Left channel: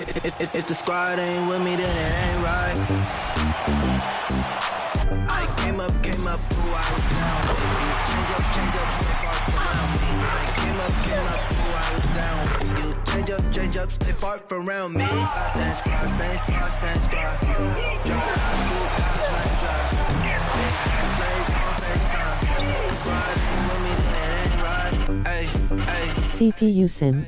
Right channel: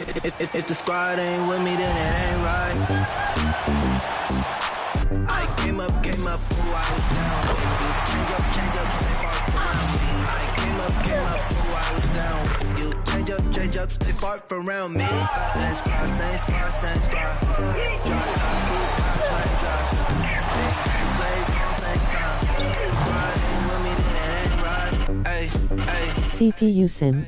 If the squad ain't with me, then it ain't right. I came up, ooh, I was down. You change up, stay far around me. I came up, ooh, I was down. You change up, stay far around me. Same squad. Drop top, cool guys, raindrops. Big plays on FaceTime. Squad ain't with me, then it ain't right. Ay. CPU Sim.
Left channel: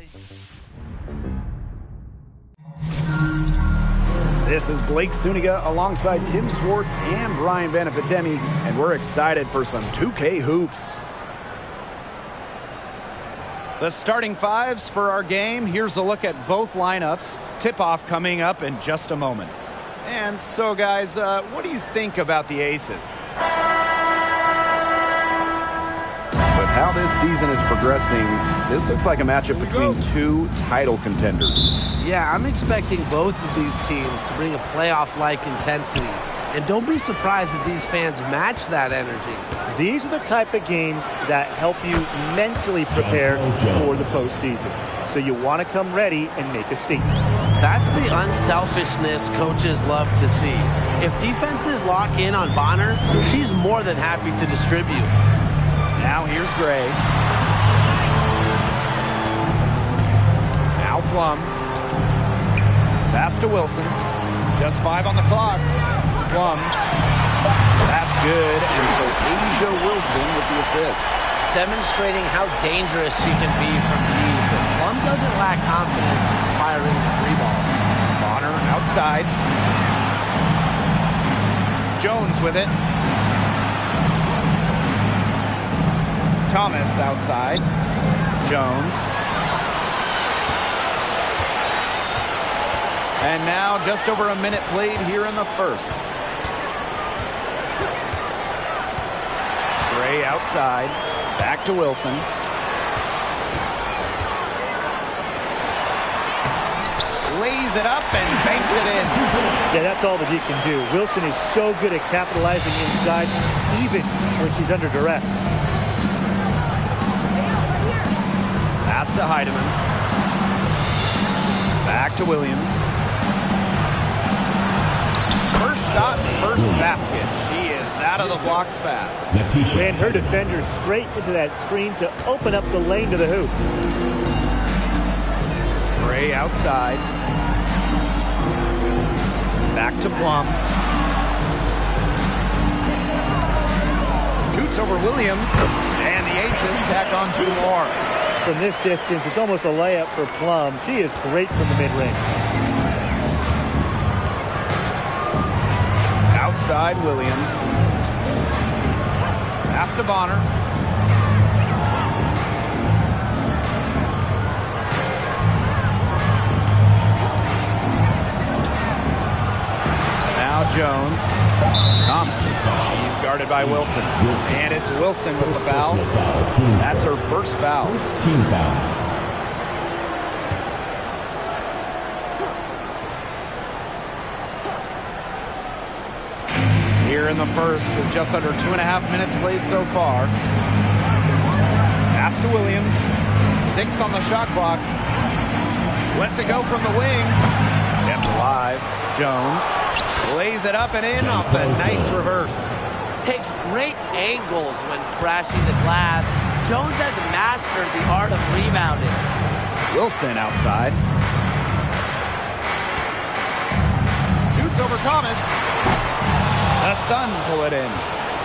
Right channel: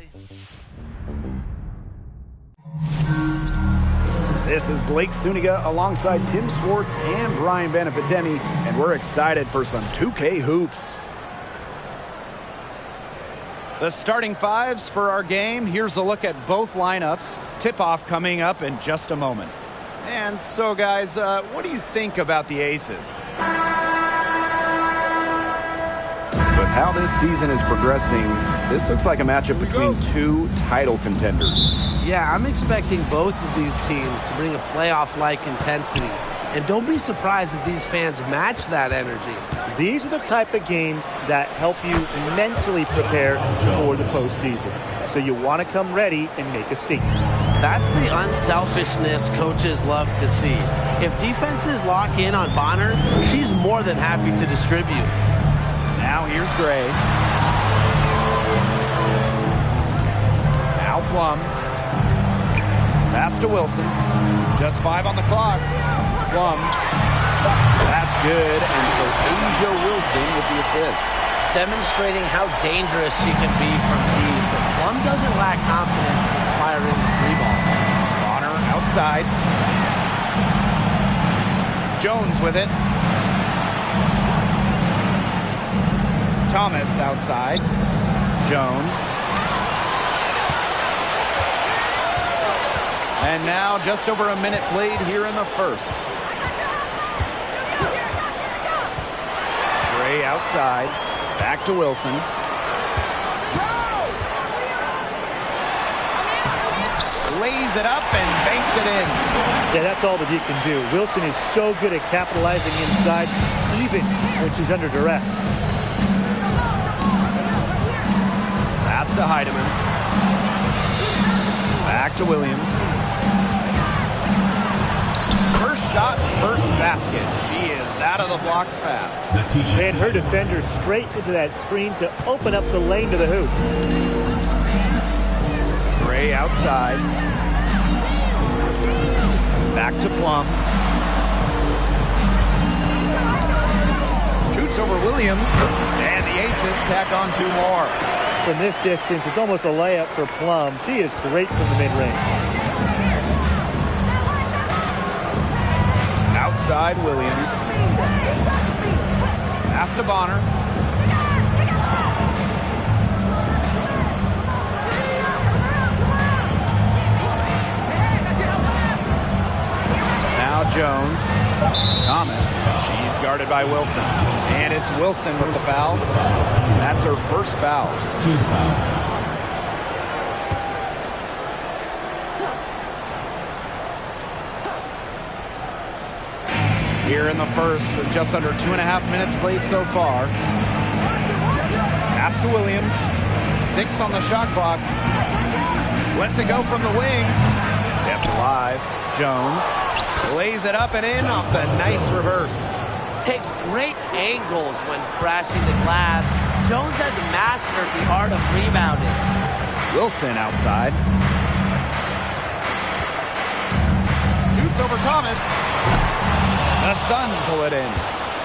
This is Blake Suniga alongside Tim Swartz and Brian Benefitemi, and we're excited for some 2K hoops. The starting fives for our game. Here's a look at both lineups. Tip-off coming up in just a moment. And so, guys, what do you think about the Aces? With how this season is progressing, this looks like a matchup between two title contenders. Yeah, I'm expecting both of these teams to bring a playoff-like intensity. And don't be surprised if these fans match that energy. These are the type of games that help you mentally prepare for the postseason. So you want to come ready and make a statement. That's the unselfishness coaches love to see. If defenses lock in on Bonner, she's more than happy to distribute. Now here's Gray. Now Plum. Pass to Wilson. Just 5 on the clock. Plum. That's good. And so Asia Wilson with the assist. Demonstrating how dangerous she can be from deep. But Plum doesn't lack confidence in firing the three ball. Bonner outside. Jones with it. Thomas outside. Jones. And now just over a minute played here in the first. Gray outside. Back to Wilson. Lays it up and banks it in. Yeah, that's all that he can do. Wilson is so good at capitalizing inside, even when she's under duress. Pass to Heidemann. Back to Williams. First shot, first basket. She is out of the blocks fast. And her defender straight into that screen to open up the lane to the hoop. Gray outside. Back to Plum. Shoots over Williams. And the Aces tack on 2 more. From this distance, it's almost a layup for Plum. She is great from the mid-range. Outside Williams. Pass to Bonner. Now Jones. Thomas. She's guarded by Wilson. And it's Wilson with the foul. That's her first foul. Team foul. Here in the first with just under 2.5 minutes played so far. Pass to Williams. 6 on the shot clock. Lets it go from the wing. Kept alive. Jones lays it up and in off the nice reverse. Takes great angles when crashing the glass. Jones has mastered the art of rebounding. Wilson outside. Shoots over Thomas. The Sun pull it in.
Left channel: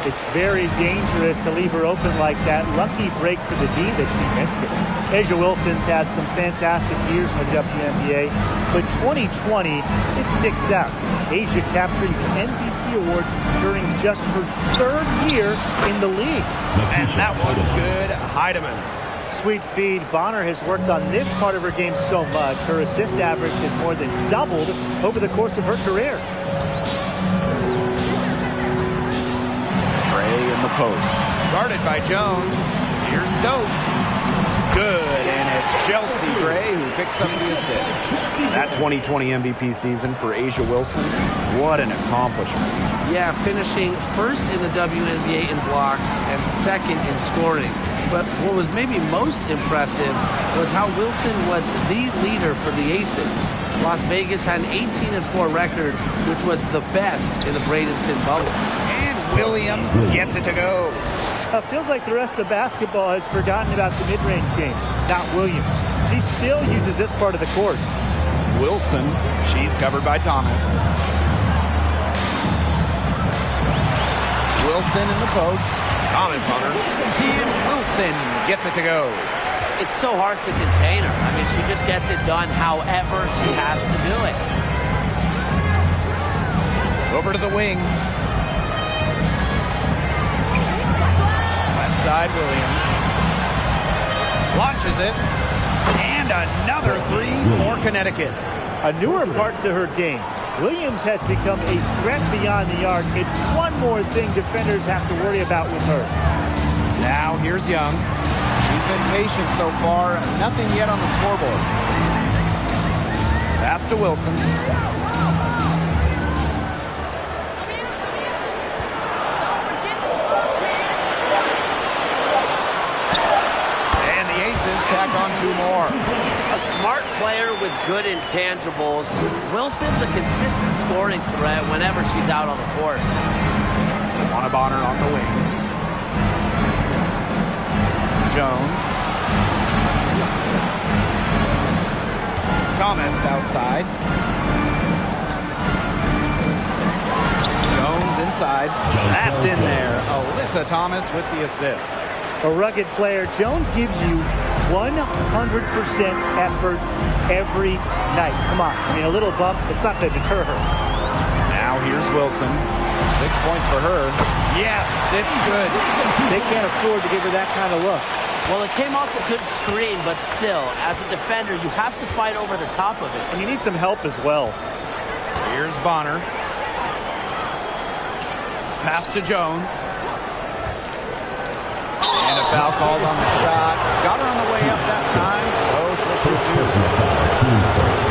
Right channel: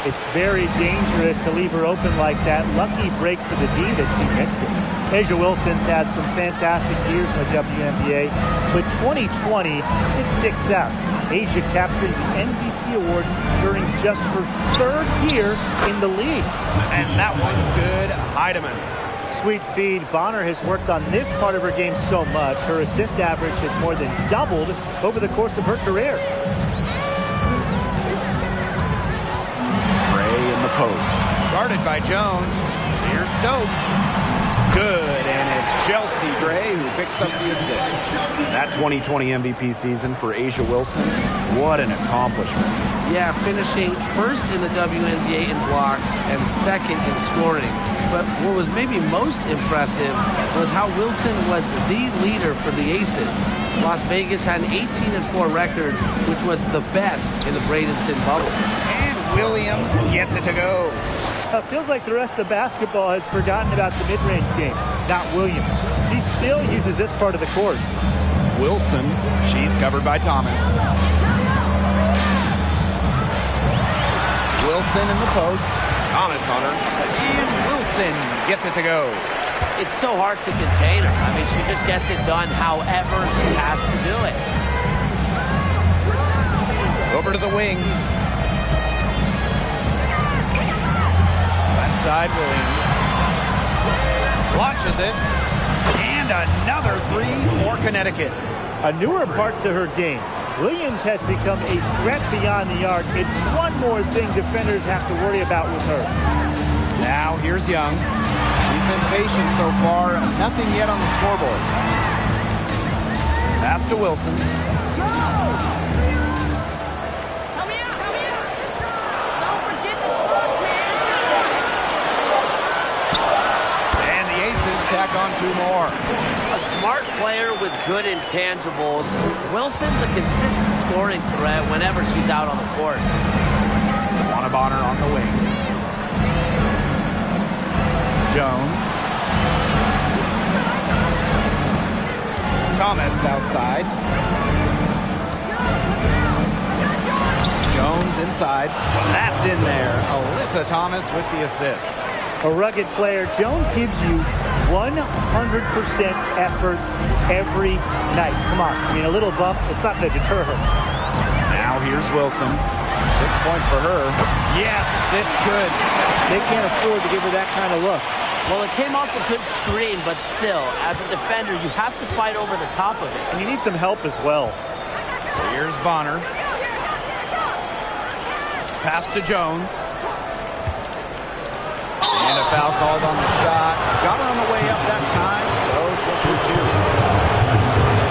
It's very dangerous to leave her open like that. Lucky break for the D that she missed it. Asia Wilson's had some fantastic years in the WNBA, but 2020, it sticks out. Asia capturing the MVP award during just her 3rd year in the league. And that one's good. Heidemann. Sweet feed. Bonner has worked on this part of her game so much. Her assist average has more than doubled over the course of her career. Gray in the post. Guarded by Jones. Here's Stokes. Good, and it's Chelsea Gray who picks up the assist. That 2020 MVP season for Asia Wilson, what an accomplishment. Yeah, finishing first in the WNBA in blocks and 2nd in scoring. But what was maybe most impressive was how Wilson was the leader for the Aces. Las Vegas had an 18-4 record, which was the best in the Bradenton bubble. And Williams gets it to go. Feels like the rest of the basketball has forgotten about the mid-range game, not Williams. He still uses this part of the court. Wilson, she's covered by Thomas. Wilson in the post. Thomas on her. And Wilson gets it to go. It's so hard to contain her. I mean, she just gets it done however she has to do it. Over to the wing. Left side, Williams. Launches it. And another three for Connecticut. A newer part to her game. Williams has become a threat beyond the arc. It's one more thing defenders have to worry about with her. Now here's Young. She's been patient so far. Nothing yet on the scoreboard. Pass to Wilson. And the Aces tack on two more. A smart player with good intangibles. Wilson's a consistent scoring threat whenever she's out on the court. Bonner on the wing. Jones. Thomas outside. Jones inside. That's in there. Alyssa Thomas with the assist. A rugged player. Jones gives you 100% effort every night. Come on. I mean, a little bump, it's not going to deter her. Now here's Wilson. 6 points for her. Yes, it's good. They can't afford to give her that kind of look. Well, it came off a good screen, but still, as a defender, you have to fight over the top of it. And you need some help as well. Here's Bonner. Pass to Jones. And a foul called on the shot. Got her on the way up that time, so she'll shoot two.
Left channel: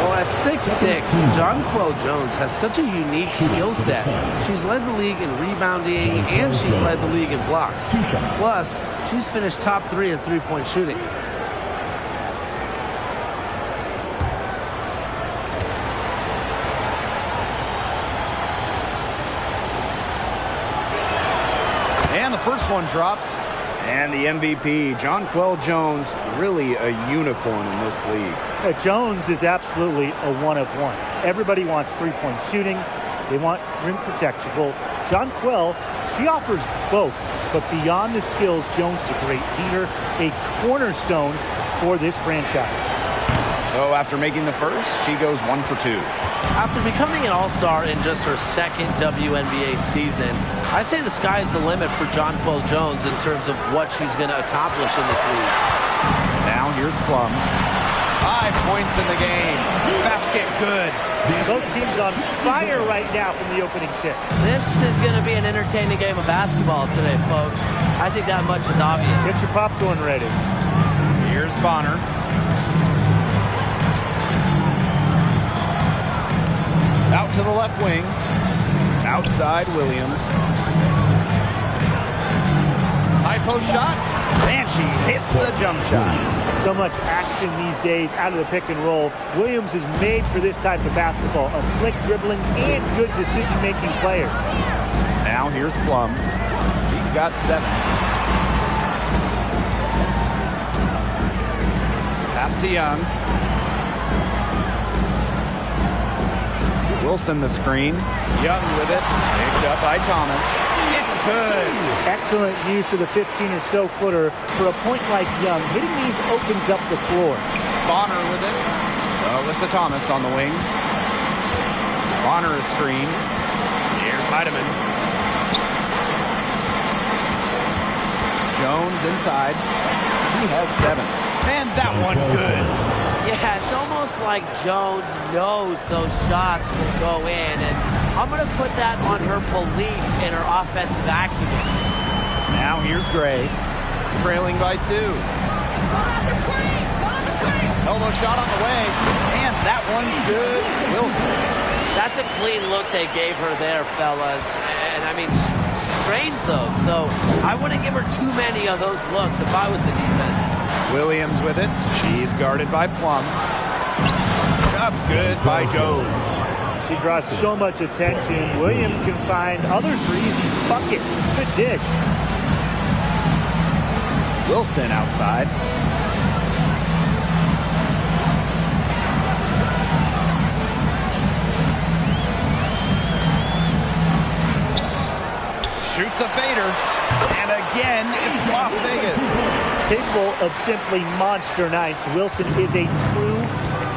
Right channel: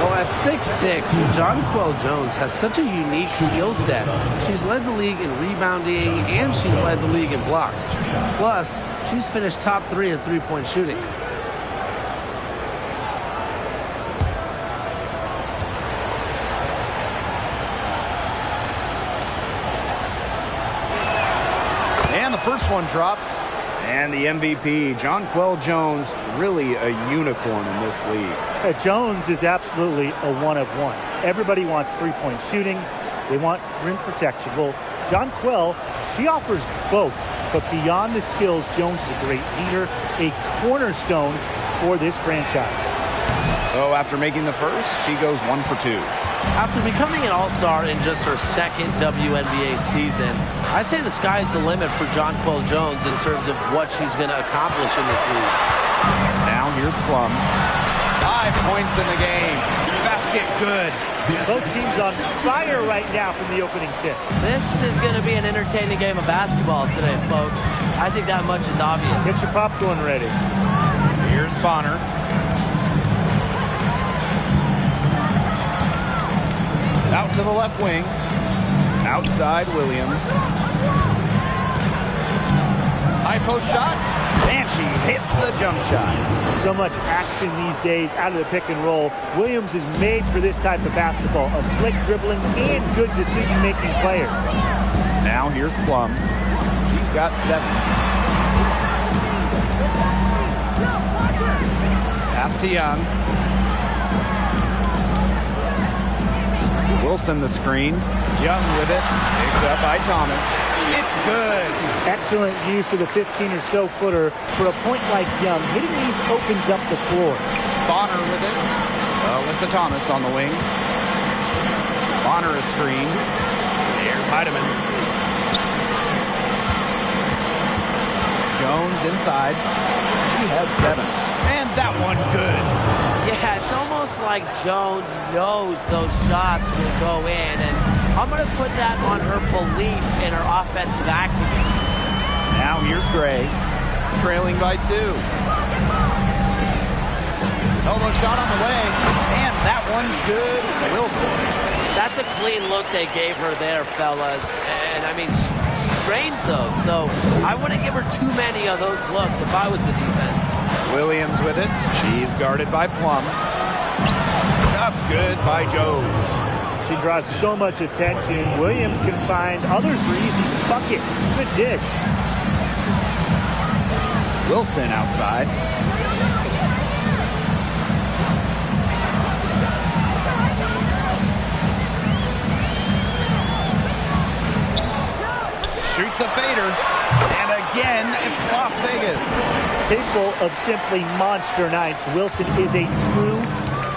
Well, at 6'6", Jonquel Jones has such a unique skill set. She's led the league in rebounding, and she's led the league in blocks. Plus, she's finished top 3 in three-point shooting. And the first one drops. And the MVP, Jonquel Jones, really a unicorn in this league. Jones is absolutely a one-of-one. Everybody wants three-point shooting. They want rim protection. Well, Jonquel, she offers both. But beyond the skills, Jones is a great leader, a cornerstone for this franchise. So after making the first, she goes 1 for 2. After becoming an all-star in just her second WNBA season, I'd say the sky's the limit for Jonquel Jones in terms of what she's going to accomplish in this league. Now here's Plum. 5 points in the game. Basket good. Both teams on fire right now from the opening tip. This is going to be an entertaining game of basketball today, folks. I think that much is obvious. Get your popcorn ready. Here's Bonner. Out to the left wing. Outside Williams. High post shot. And she hits the jump shot. So much action these days out of the pick and roll. Williams is made for this type of basketball. A slick dribbling and good decision-making player. Now here's Plum. She's got 7. Pass to Young. Wilson the screen. Young with it. Picked up by Thomas. It's good. Excellent use of the 15 or so footer for a point like Young. Hitting these opens up the floor. Bonner with it. Alyssa Thomas on the wing. Bonner a screen. Here's Heidemann. Jones inside. She has 7. And that one good. Yeah, it's almost like Jones knows those shots will go in, and I'm going to put that on her belief in her offensive acumen. Now here's Gray, trailing by 2. Elbow shot on the way, and that one's good. Wilson. That's a clean look they gave her there, fellas. And, I mean, she trains those, so I wouldn't give her too many of those looks if I was the defense. Williams with it. She's guarded by Plum. Shot's good by Jones. She draws so much attention. Williams can find others for easy buckets. Good dish. Wilson outside. Shoots a fader. And again, it's Las Vegas. Capable of simply monster nights, Wilson is a true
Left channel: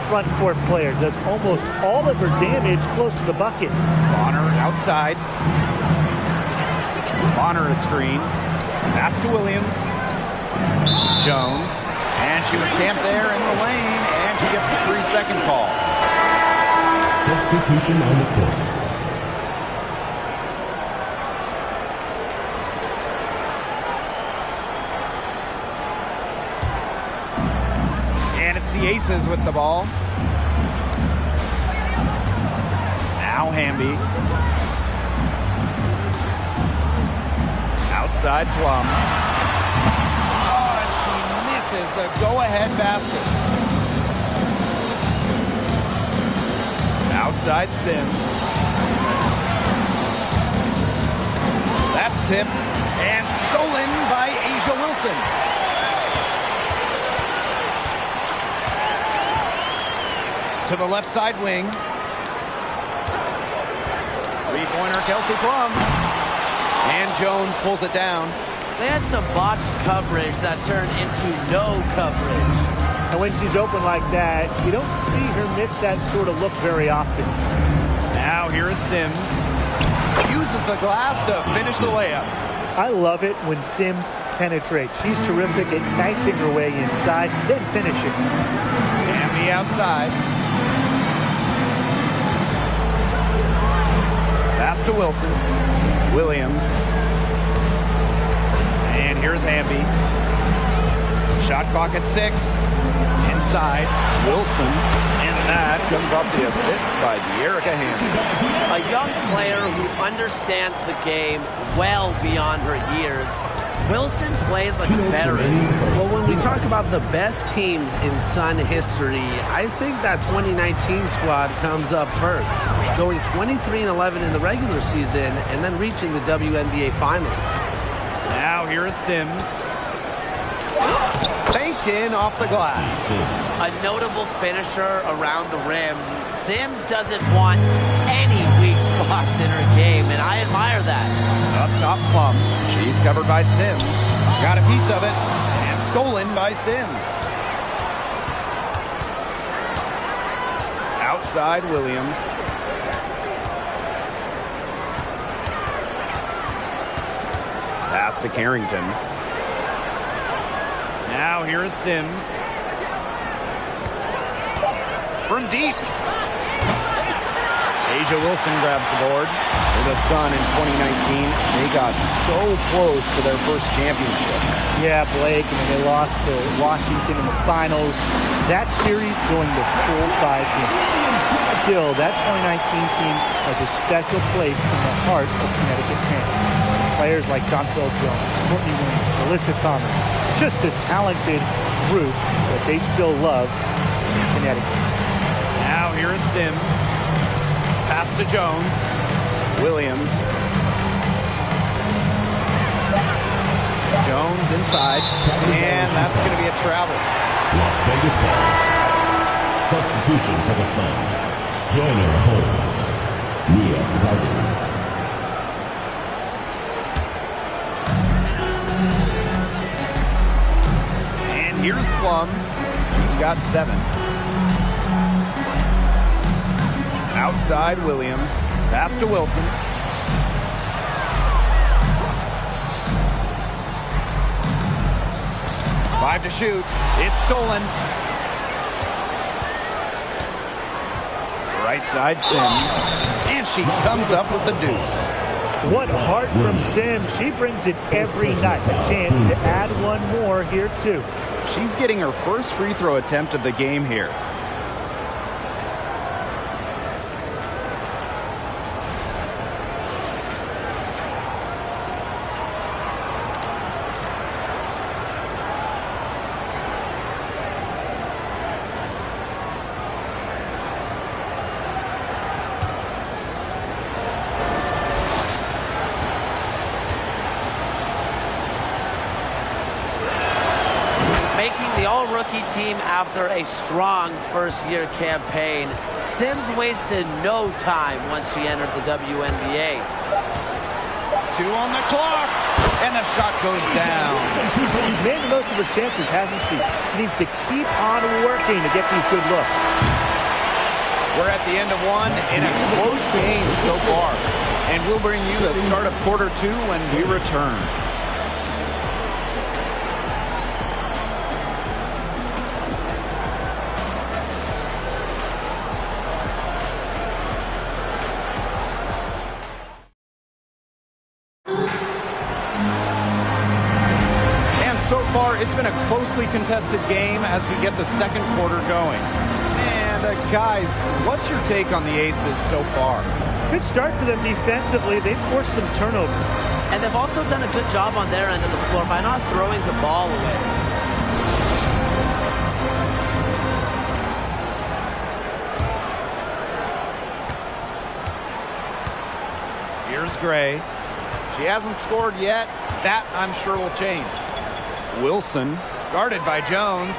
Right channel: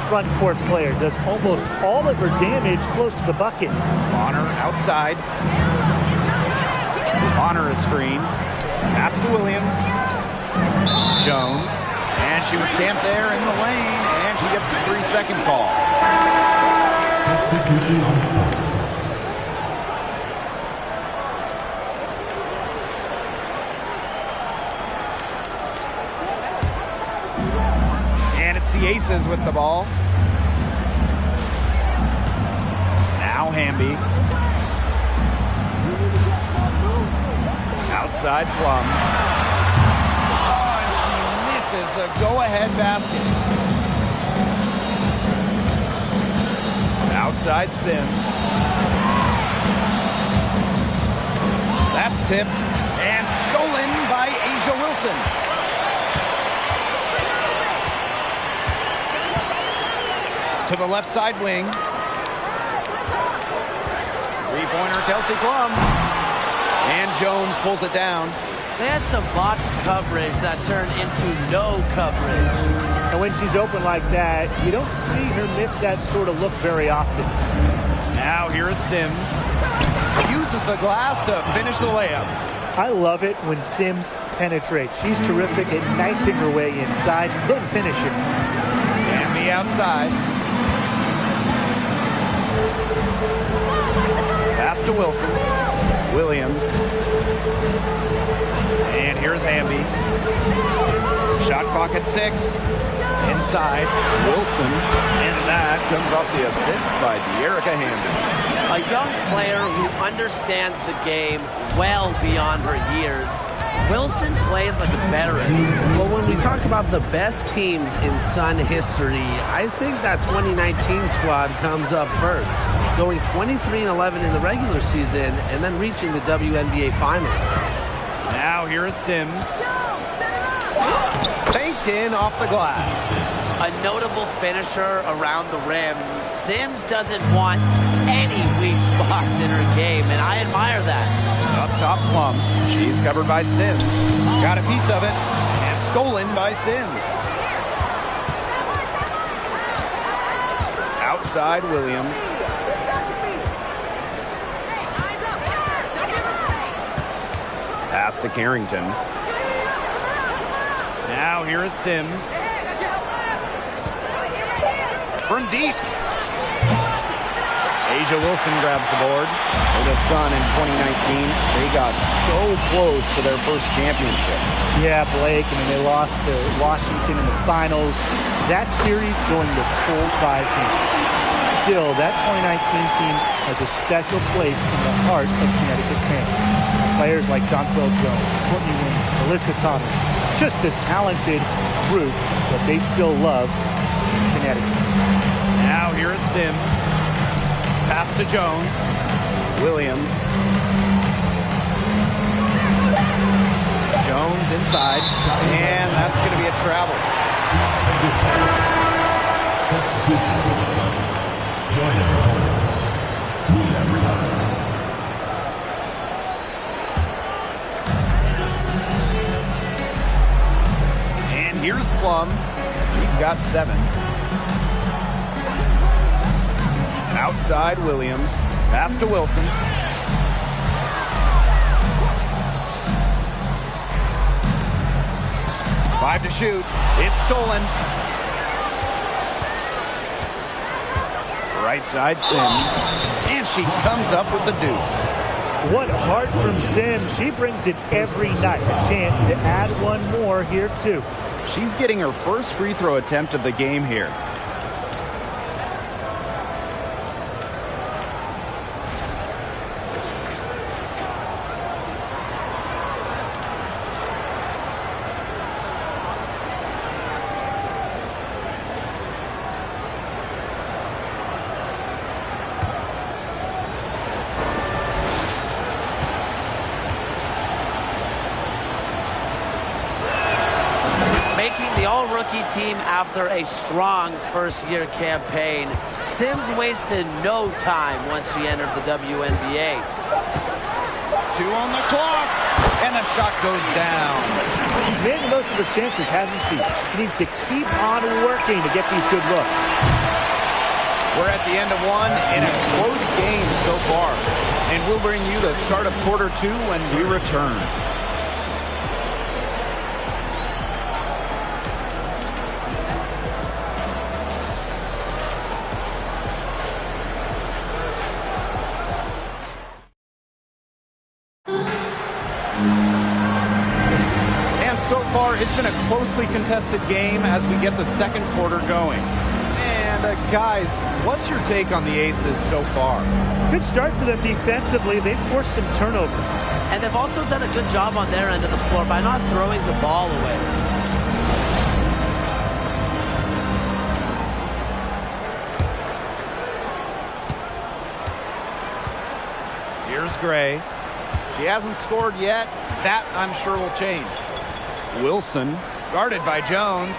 front court player. Does almost all of her damage close to the bucket. Bonner outside. Bonner a screen. Pass to Williams. Jones. And she was camped there in the lane, and she gets the 3-second call. Substitution on the court. And it's the Aces with the ball. Now Hamby. Outside Plum. Oh, and she misses the go-ahead basket. Outside Sims. That's tipped and stolen by Asia Wilson. To the left side wing. Three-pointer Kelsey Plum. And Jones pulls it down. They had some botched coverage that turned into no coverage. And when she's open like that, you don't see her miss that sort of look very often. Now here is Sims. Uses the glass to finish the layup. I love it when Sims penetrates. She's terrific at knifing her way inside, then finishing. And the outside. Pass to Wilson. Williams. And here's Hamby. Shot clock at 6. Inside. Wilson. And that comes off the assist by De'Erica Hamby. A young player who understands the game well beyond her years. Wilson plays like a veteran. Well, when we talk about the best teams in Sun history, I think that 2019 squad comes up first. Going 23-11 in the regular season and then reaching the WNBA Finals. Now here is Sims. Banked in off the glass. A notable finisher around the rim. Sims doesn't want any weak spots in her game, and I admire that. Up top Plum. She's covered by Sims. Got a piece of it, and stolen by Sims. Outside Williams. Pass to Carrington. Now here is Sims. From deep. Asia Wilson grabs the board. For the Sun in 2019, they got so close to their first championship. Yeah, Blake, I mean, they lost to Washington in the finals. That series going the full 5 games. Still, that 2019 team has a special place in the heart of Connecticut fans. Players like Jonquel Jones, Courtney Williams, Alyssa Thomas, just a talented group that they still love in Connecticut. Now here is Sims. Pass to Jones. Williams. Jones inside. And that's going to be a travel. Las Vegas Ball. Substitution for the Suns. Joyner Holmes. Leah Zagreb. And here's Plum. She's got 7. Outside Williams. Pass to Wilson. Five to shoot. It's stolen. Right side Sims. And she comes up with the deuce. What heart from Sims. She brings it every night. A chance to add one more here, too. She's getting her first free throw attempt of the game here. all-rookie team after a strong first-year campaign. Sims wasted no time once she entered the WNBA. 2 on the clock, and the shot goes down. She's made the most of her chances, hasn't she? She needs to keep on working to get these good looks. We're at the end of one in a close game so far, and we'll bring you the start of quarter 2 when we return. So far, it's been a closely contested game as we get the second quarter going. And guys, what's your take on the Aces so far? Good start for them defensively. They've forced some turnovers. And they've also done a good job on their end of the floor by not throwing the ball away. Here's Gray. She hasn't scored yet. That, I'm sure, will change. Wilson, guarded by Jones.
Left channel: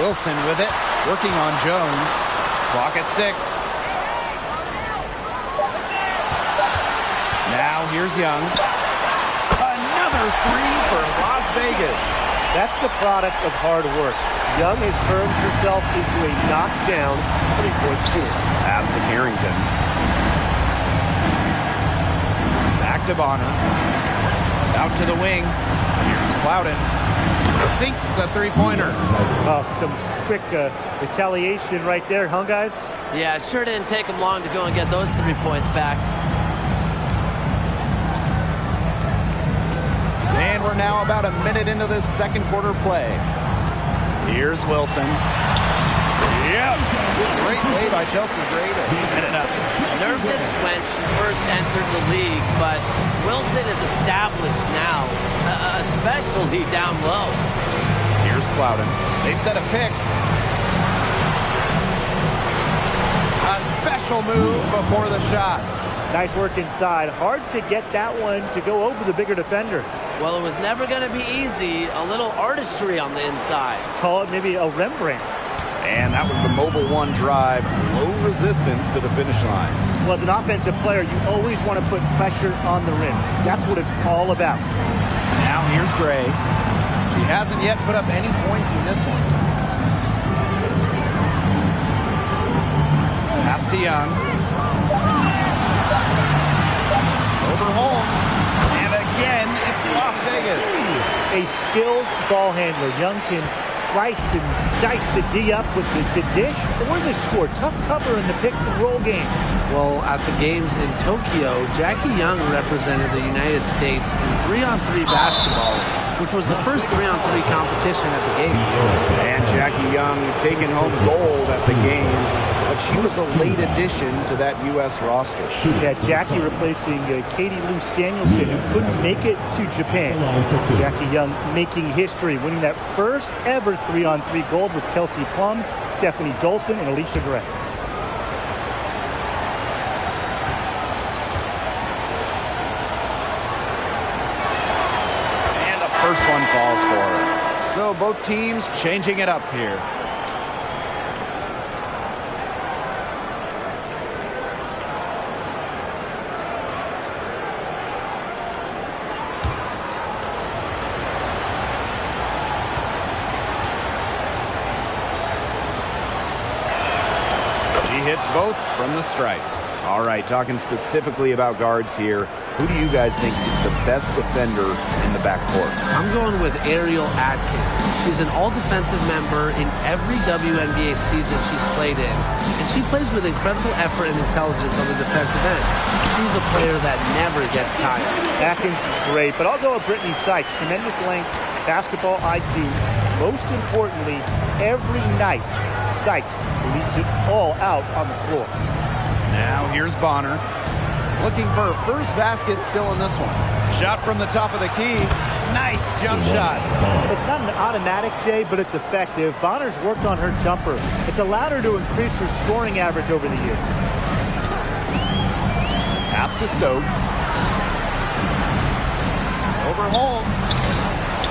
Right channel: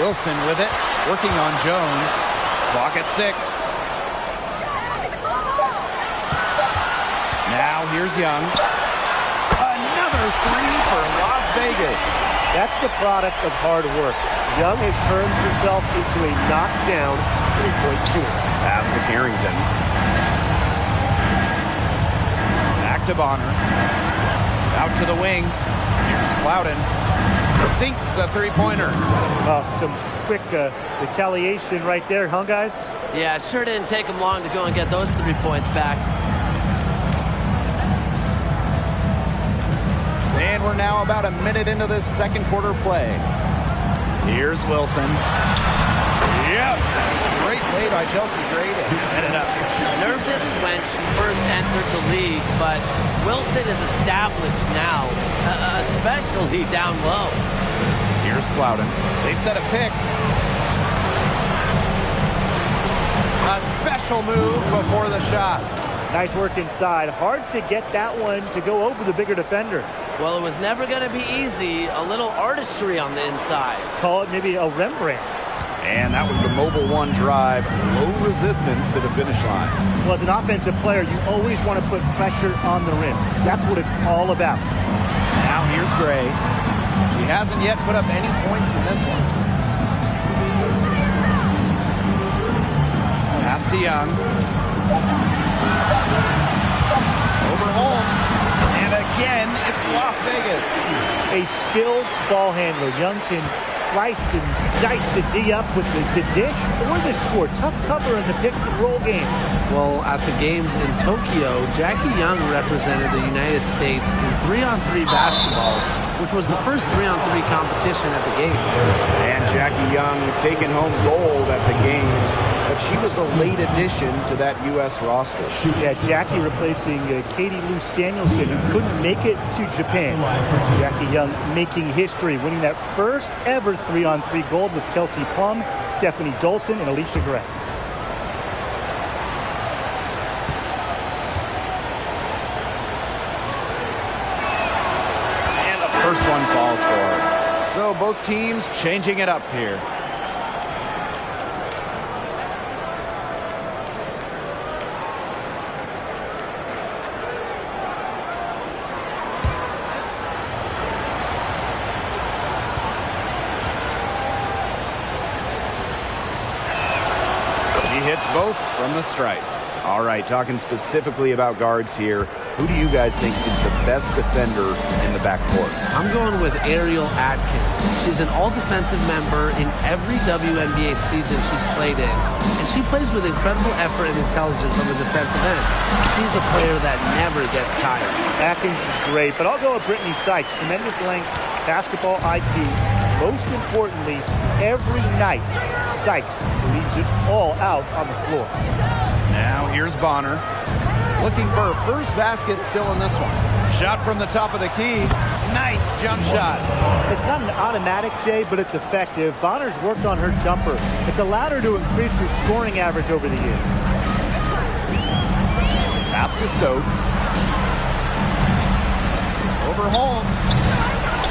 Wilson with it, working on Jones. Clock at 6. Now here's Young. Another 3 for Las Vegas. That's the product of hard work. Young has turned herself into a knockdown three-point shooter. Pass to Carrington. Back to Bonner. Out to the wing. Here's Clouden. Sinks the three-pointer. Some quick retaliation right there, huh, guys? Yeah, it sure didn't take them long to go and get those 3 points back. And we're now about a minute into this second quarter play. Here's Wilson. Yes! Great play by Chelsea Gray to set it up. Nervous when she first entered the league, but Wilson is established now, especially down low. Here's Clouden. They set a pick. A special move before the shot. Nice work inside. Hard to get that one to go over the bigger defender. Well, it was never going to be easy. A little artistry on the inside. Call it maybe a Rembrandt. And that was the Mobile One drive. Low resistance to the finish line. Well, as an offensive player, you always want to put pressure on the rim. That's what it's all about. Now here's Gray. She hasn't yet put up any points in this one. Pass to Young. Over Holmes. And again, it's Las Vegas. A skilled ball handler. Young can slice and dice the D up with the dish or the score. Tough cover in the pick and roll game. Well, at the games in Tokyo, Jackie Young represented the United States in 3-on-3 basketball, which was the first 3-on-3 competition at the games. And Jackie Young taking home gold at the games, but she was a late addition to that U.S. roster. Yeah, Jackie replacing Katie Lou Samuelson, who couldn't make it to Japan. Jackie Young making history, winning that first ever 3-on-3 gold with Kelsey Plum, Stephanie Dolson, and Alicia Gray. First one falls for her. So both teams changing it up here. She hits both from the stripe. All right, talking specifically about guards here. Who do you guys think is the best defender in the backcourt? I'm going with Ariel Atkins. She's an all-defensive member in every WNBA season she's played in, and she plays with incredible effort and intelligence on the defensive end. She's a player that never gets tired. Atkins is great, but I'll go with Brittany Sykes. Tremendous length, basketball IQ. Most importantly, every night, Sykes leaves it all out on the floor. Now here's Bonner. Looking for her first basket still in this one. Shot from the top of the key. Nice jump shot. It's not an automatic, Jay, but it's effective. Bonner's worked on her jumper. It's allowed her to increase her scoring average over the years. Pass to Stokes. Over Holmes.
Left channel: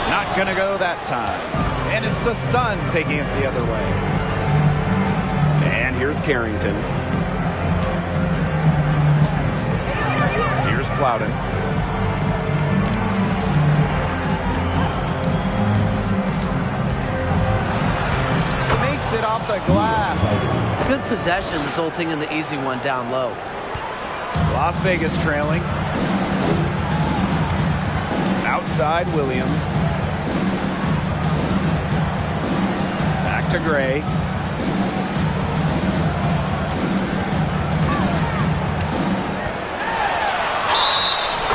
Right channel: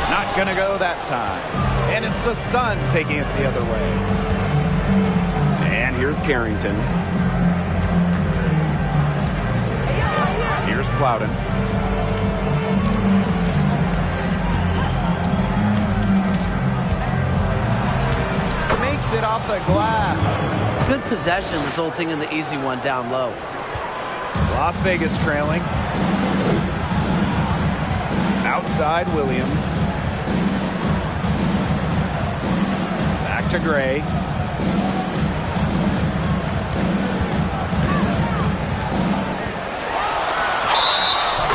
Not going to go that time. And it's the Sun taking it the other way. And here's Carrington. Here's Plowden. Makes it off the glass. Good possession resulting in the easy one down low. Las Vegas trailing. Outside Williams. Back to Gray.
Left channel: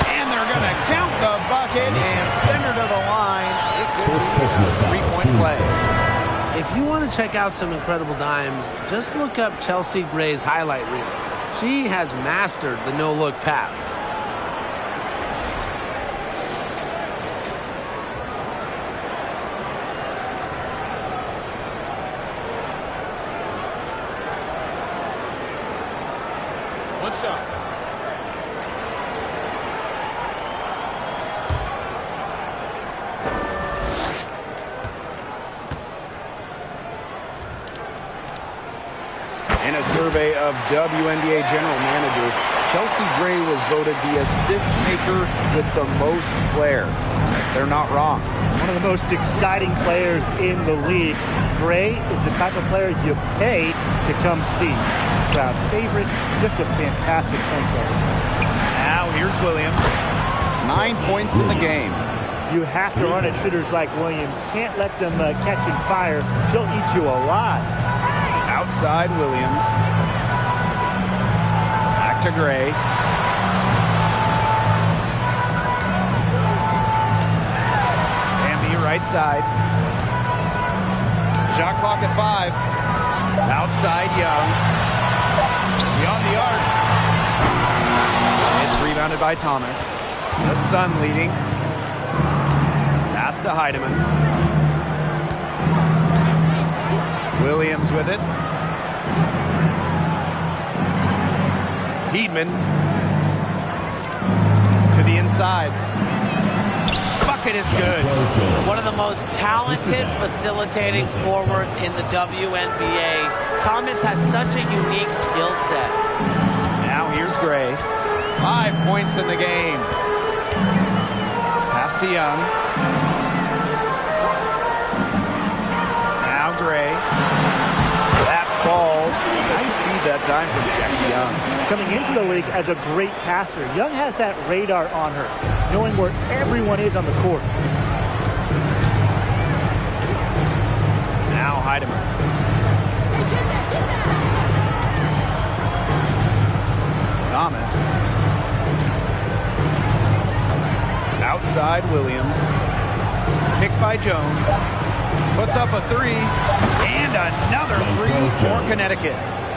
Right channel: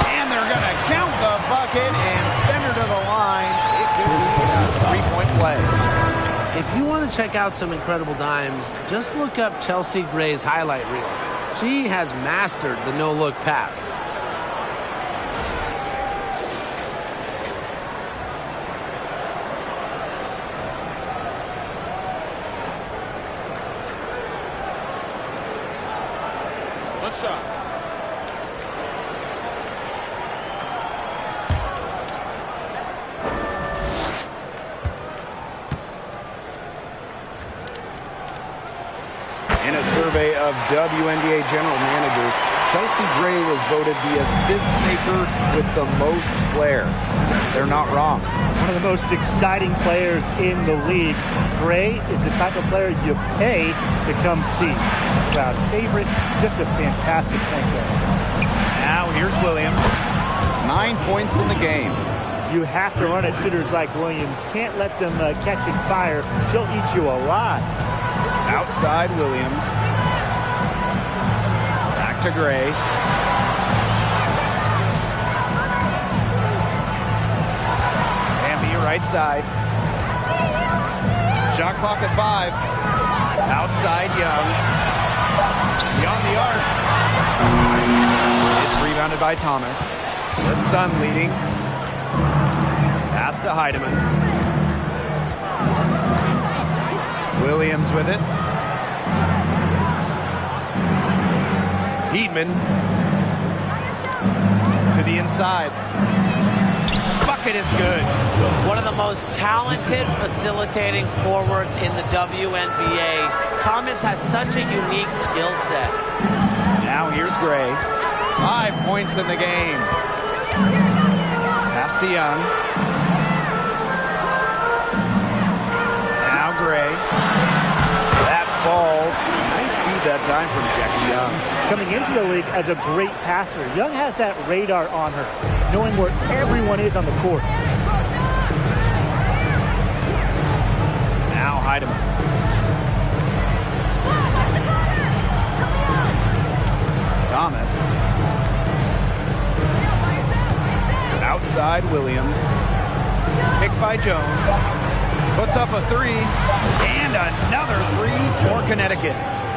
And they're going to count the bucket and send her to the line. It could be a 3-point play. If you want to check out some incredible dimes, just look up Chelsea Gray's highlight reel. She has mastered the no-look pass. One shot. In a survey of WNBA general managers, Chelsea Gray was voted the assist maker with the most flair. They're not wrong. One of the most exciting players in the league. Gray is the type of player you pay to come see. Crowd favorite, just a fantastic point guard. Now here's Williams. 9 points in the game. You have to run at shooters like Williams. Can't let them catch and fire. She'll eat you alive. Outside Williams. Back to Gray. Bambi right side. Shot clock at 5. Outside Young. Beyond the arc. It's rebounded by Thomas. The Sun leading. Pass to Heidemann. Williams with it. Heedman to the inside. Bucket is good. One of the most talented facilitating forwards in the WNBA. Thomas has such a unique skill set. Now here's Gray. 5 points in the game. Pass to Young. Now Gray. That falls. Nice feed that time from Jackie Young. Coming into the league as a great passer, Young has that radar on her, knowing where everyone is on the court. Now Heidemann. Thomas. Outside Williams. Picked by Jones. Puts up a 3. And another 3 for Connecticut.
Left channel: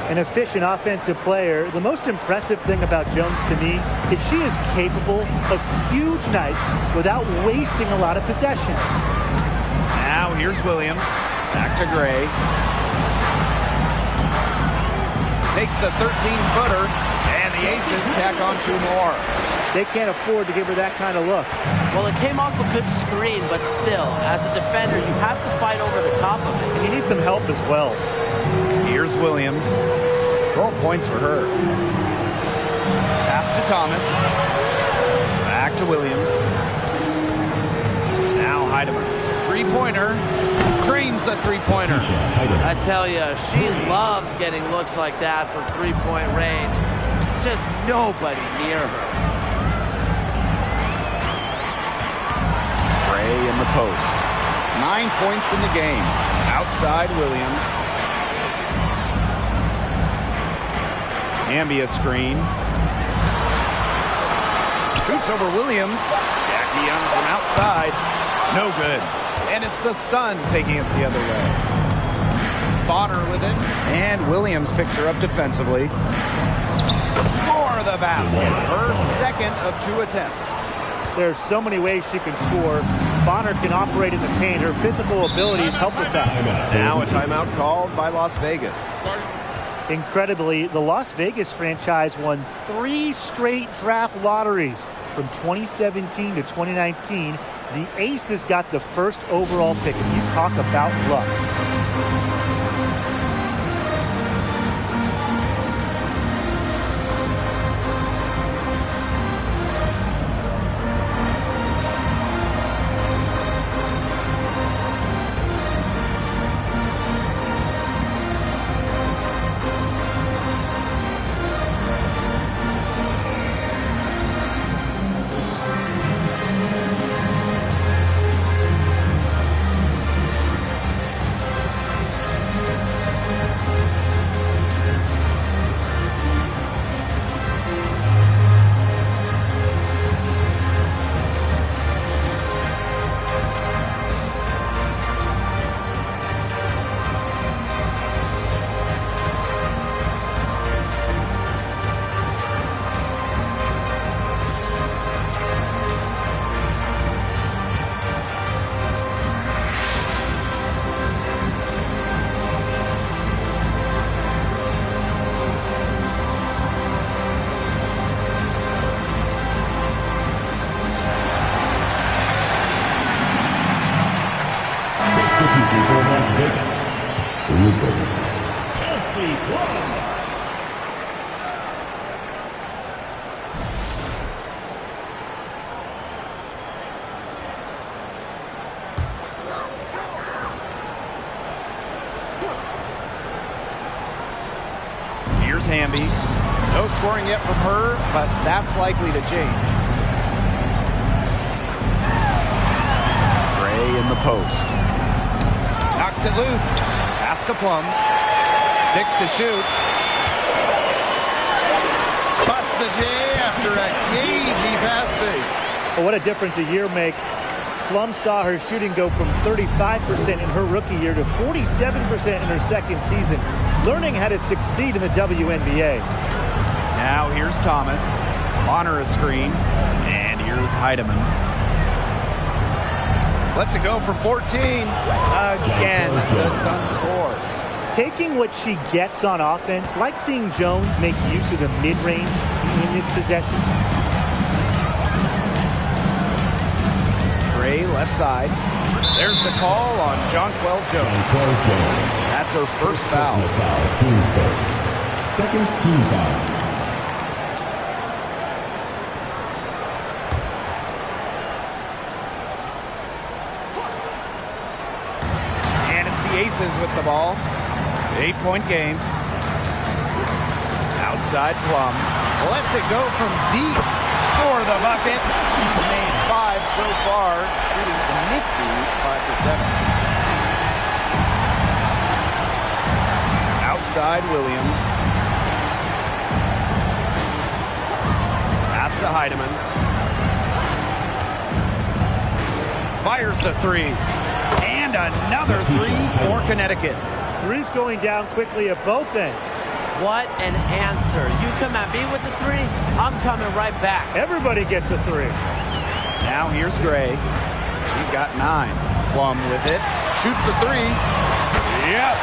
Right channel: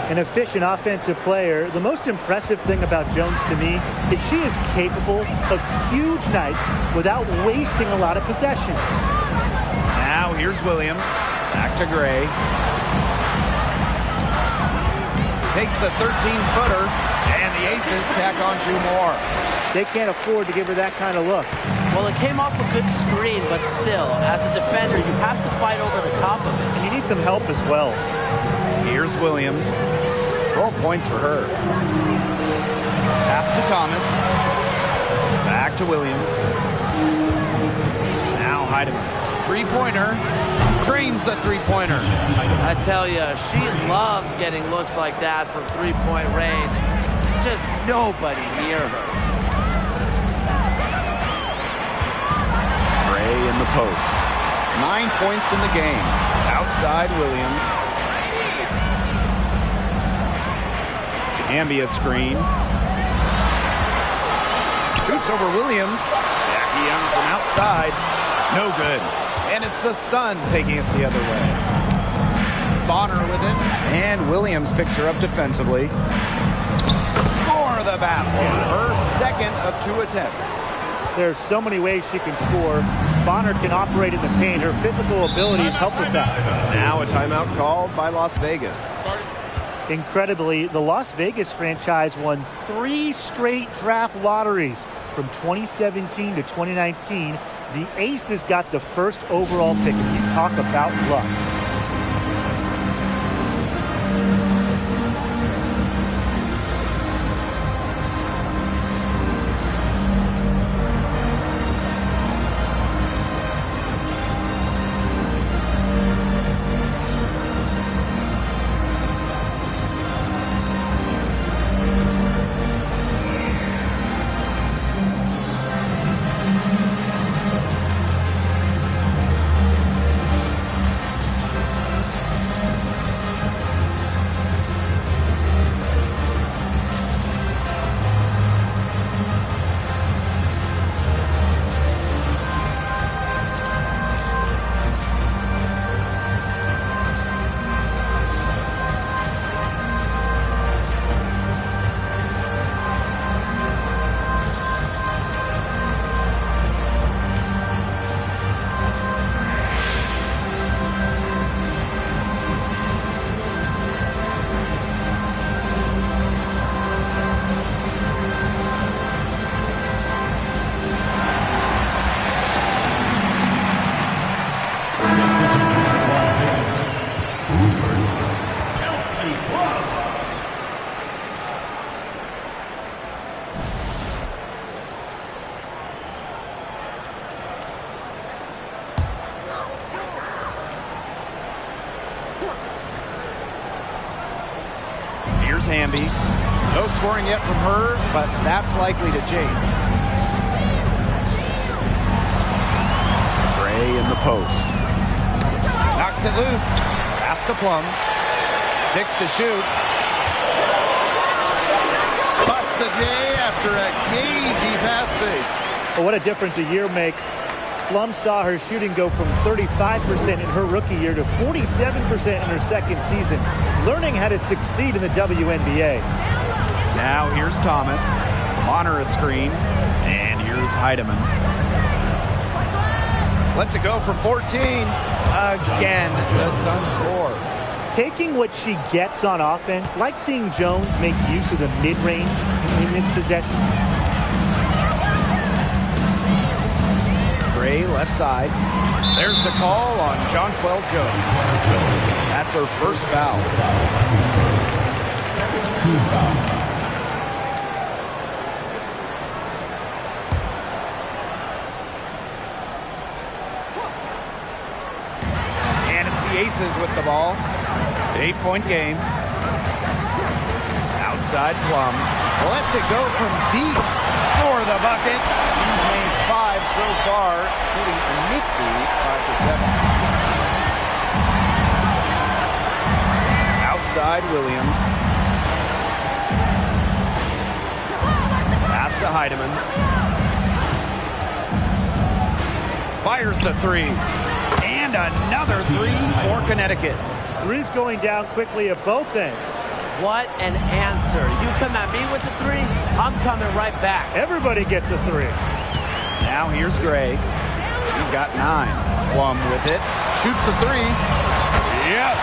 An efficient offensive player. The most impressive thing about Jones to me is she is capable of huge nights without wasting a lot of possessions. Now here's Williams. Back to Gray. Takes the 13-footer, and the Aces tack on 2 more. They can't afford to give her that kind of look. Well, it came off a good screen, but still, as a defender, you have to fight over the top of it. And you need some help as well. Here's Williams. 12 points for her. Pass to Thomas. Back to Williams. Now Heidemann. 3-pointer. Cranes the 3-pointer. I tell you, she loves getting looks like that from 3-point range. Just nobody near her. Gray in the post. 9 points in the game. Outside Williams. Ambia screen. Shoots over Williams. Jackie Young from outside. No good. And it's the Sun taking it the other way. Bonner with it. And Williams picks her up defensively. For the basket. Her second of 2 attempts. There's so many ways she can score. Bonner can operate in the paint. Her physical abilities help with that. Now a timeout called by Las Vegas. Incredibly, the Las Vegas franchise won 3 straight draft lotteries from 2017 to 2019. The Aces got the first overall pick. If you talk about luck. Here's Hamby. No scoring yet from her, but that's likely to change. Gray in the post. Knocks it loose. Pass to Plum. 6 to shoot. Busts the J after a cagey pass fake. Well, what a difference a year makes. Plum saw her shooting go from 35% in her rookie year to 47% in her second season, learning how to succeed in the WNBA. Now here's Thomas. Honor a screen. And here's Heidemann. Lets it go from 14. Again, the Suns score. Taking what she gets on offense, like seeing Jones make use of the mid-range in this possession. Gray left side. There's the call on Jonquel Jones. That's her first foul. Team's first. Second team foul. And it's the Aces with the ball. 8-point game. Outside Plum. Lets it go from deep for the bucket. She's made 5 so far, shooting a nifty 5 for 7. Outside Williams. Pass to Heidemann. Fires the 3. And another 3 for Connecticut. Three's going down quickly at both ends. What an answer. You come at me with the 3, I'm coming right back. Everybody gets a 3. Now here's Gray. She's got 9. Plum with it. Shoots the 3. Yes!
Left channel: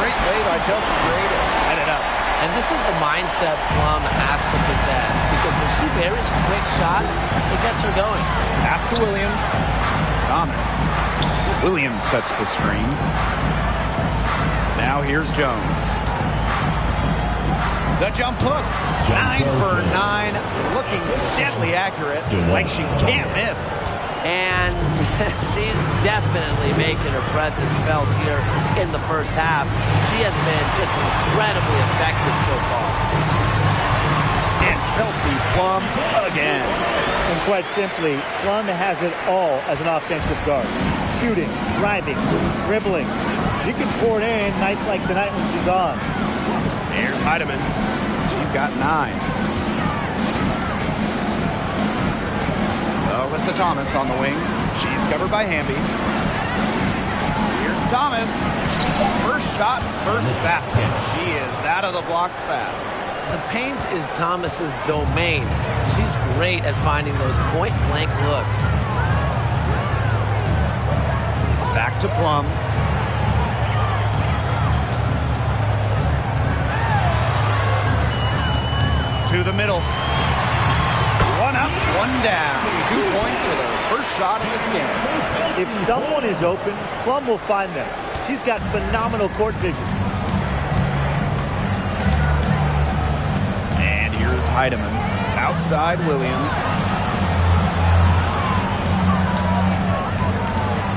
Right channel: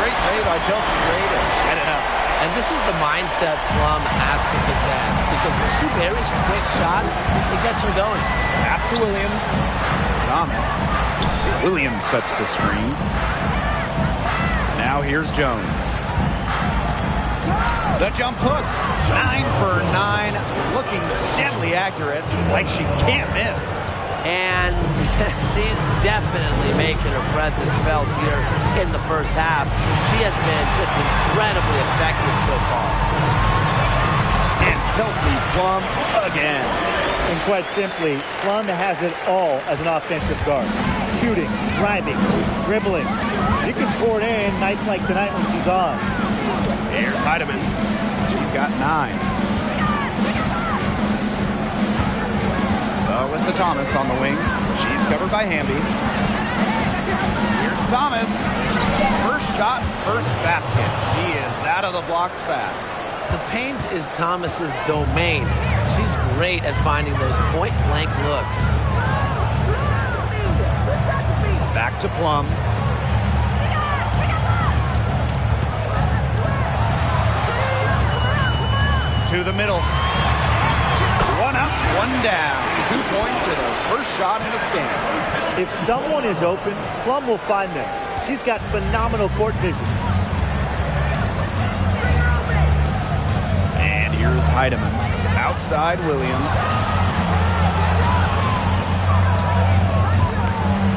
Great play by Chelsea Gray to set it up. And this is the mindset Plum has to possess, because when she buries quick shots, it gets her going. Pass to Williams. Thomas. Williams sets the screen. Now here's Jones. The jump hook. 9 for 9. Looking deadly accurate. Like she can't miss. And she's definitely making her presence felt here in the first half. She has been just incredibly effective so far. And Kelsey Plum again. And quite simply, Plum has it all as an offensive guard. Shooting, driving, dribbling. She can pour it in nights like tonight when she's on. Here's Heidemann. She's got 9. Alyssa Thomas on the wing. She's covered by Hamby. Here's Thomas. First shot, first basket. She is out of the blocks fast. The paint is Thomas's domain. She's great at finding those point-blank looks. Back to Plum. To the middle. One up, one down. 2 points with her first shot in the scan. If someone is open, Plum will find them. She's got phenomenal court vision. And here's Heidemann. Outside Williams.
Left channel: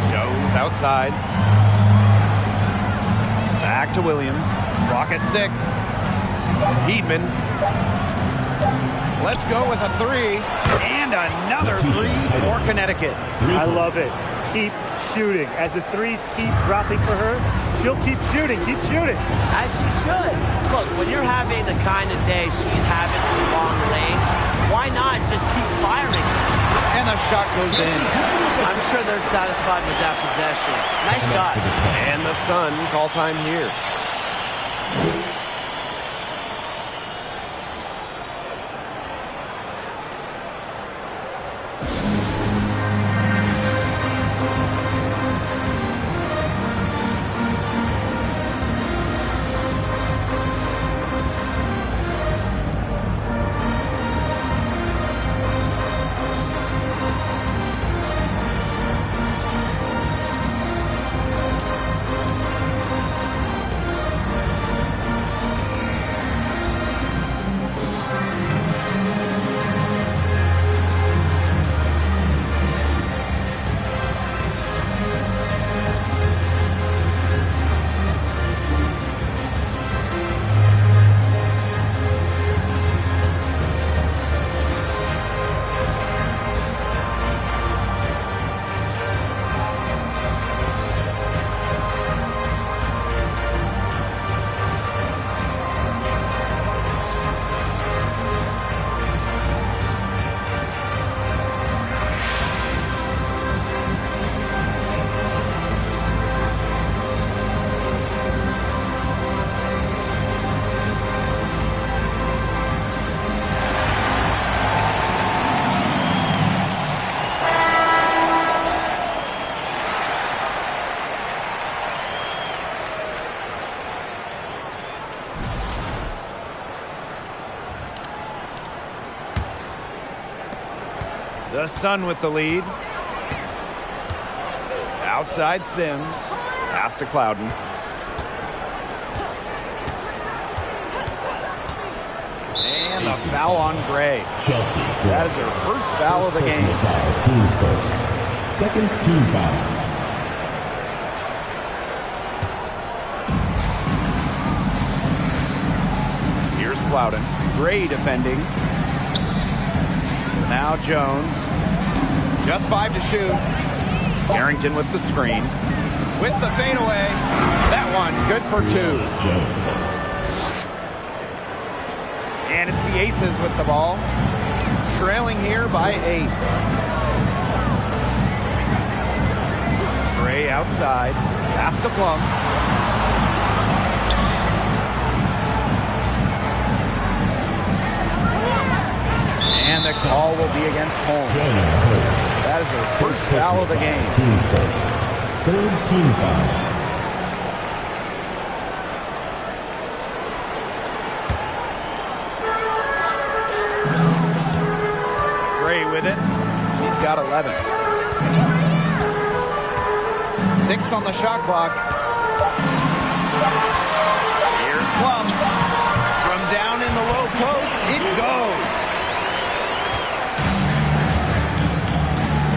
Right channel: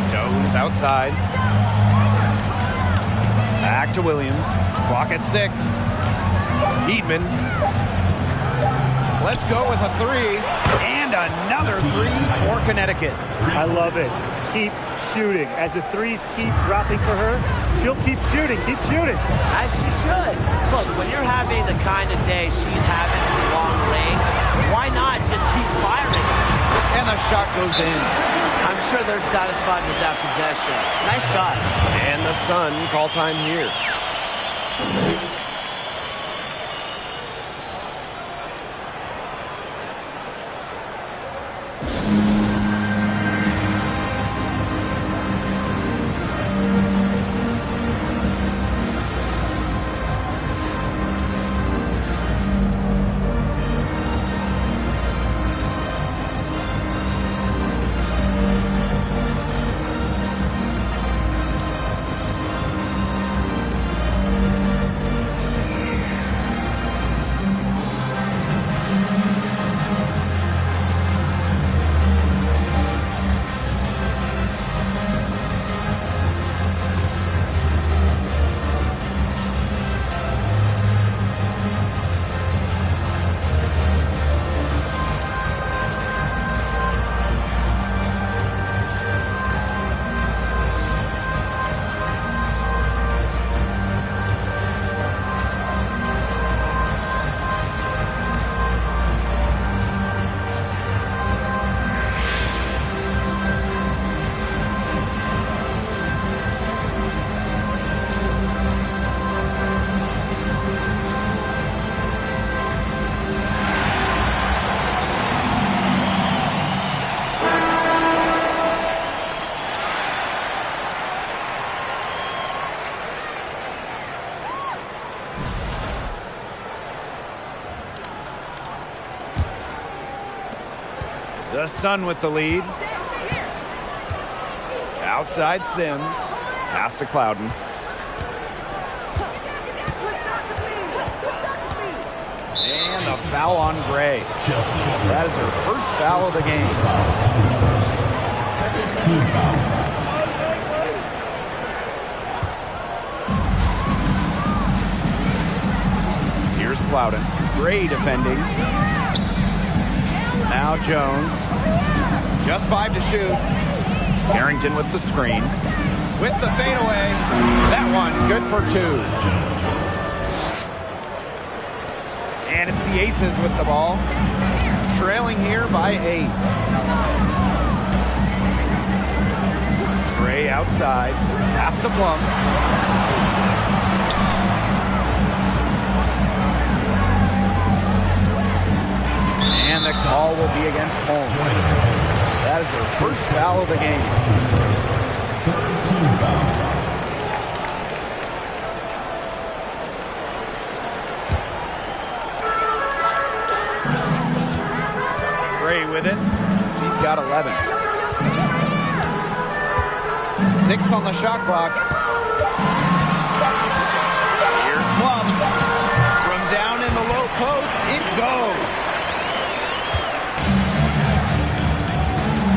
Jones outside. Back to Williams. Clock at 6. Heatman. Let's go with a 3. And another 3 for Connecticut. I love it. Keep shooting. As the threes keep dropping for her, she'll keep shooting. Keep shooting. As she should. Look, when you're having the kind of day she's having from long range, why not just keep firing? And the shot goes in. I'm sure they're satisfied with that possession. Nice shot. And the Sun call time here. The Sun with the lead. Outside Sims. Pass to Clouden. And a foul on Gray. Chelsea. That is her first foul of the game. Team's first. Second team foul. Here's Clouden. Gray defending. Now Jones. Just 5 to shoot. Carrington with the screen. With the fadeaway. That one good for 2. And it's the Aces with the ball. Trailing here by 8. Gray outside. Pass to Plum. And the call will be against Holmes. That is her first foul of the game. Team's first. Third team foul. Gray with it. She's got 11. 6 on the shot clock. Here's Plum. From down in the low post, it goes.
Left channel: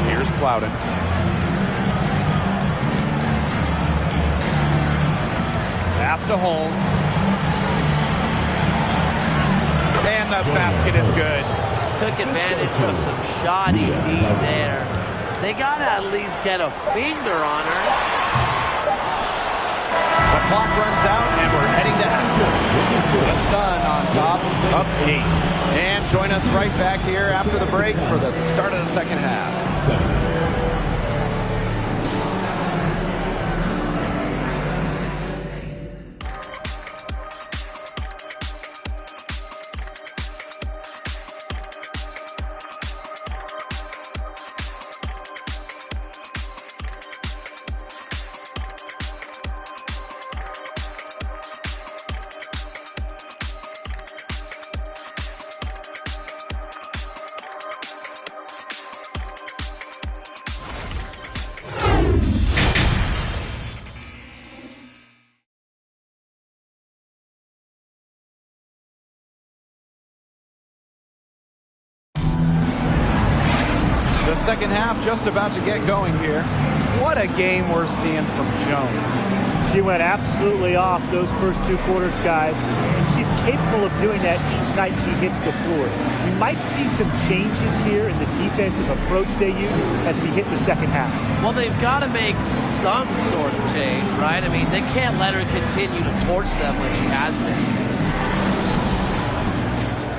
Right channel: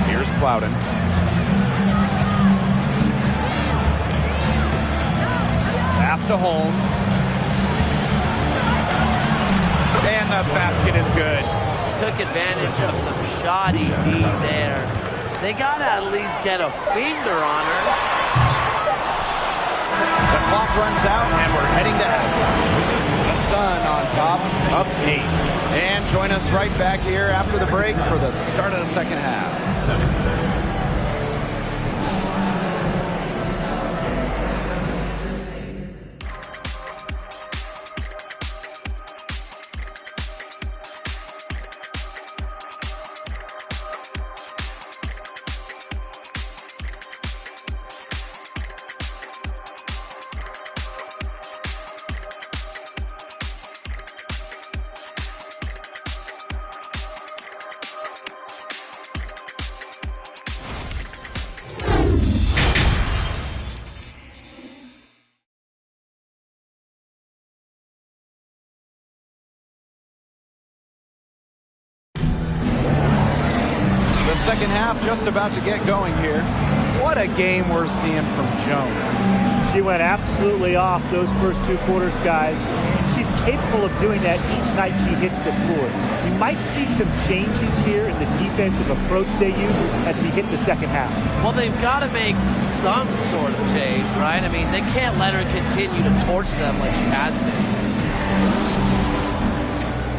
Here's Clouden. Pass to Holmes. And the basket is good. Took advantage of some shoddy D there. They got to at least get a finger on her. The clock runs out, and we're heading to halftime. The Sun on top of 8. And join us right back here after the break for the start of the second half. 7. second half just about to get going here. What a game we're seeing from Jones. She went absolutely off those first 2 quarters, guys, and she's capable of doing that each night she hits the floor. We might see some changes here in the defensive approach they use as we hit the second half. Well, they've got to make some sort of change, right? I mean, they can't let her continue to torch them like she has been.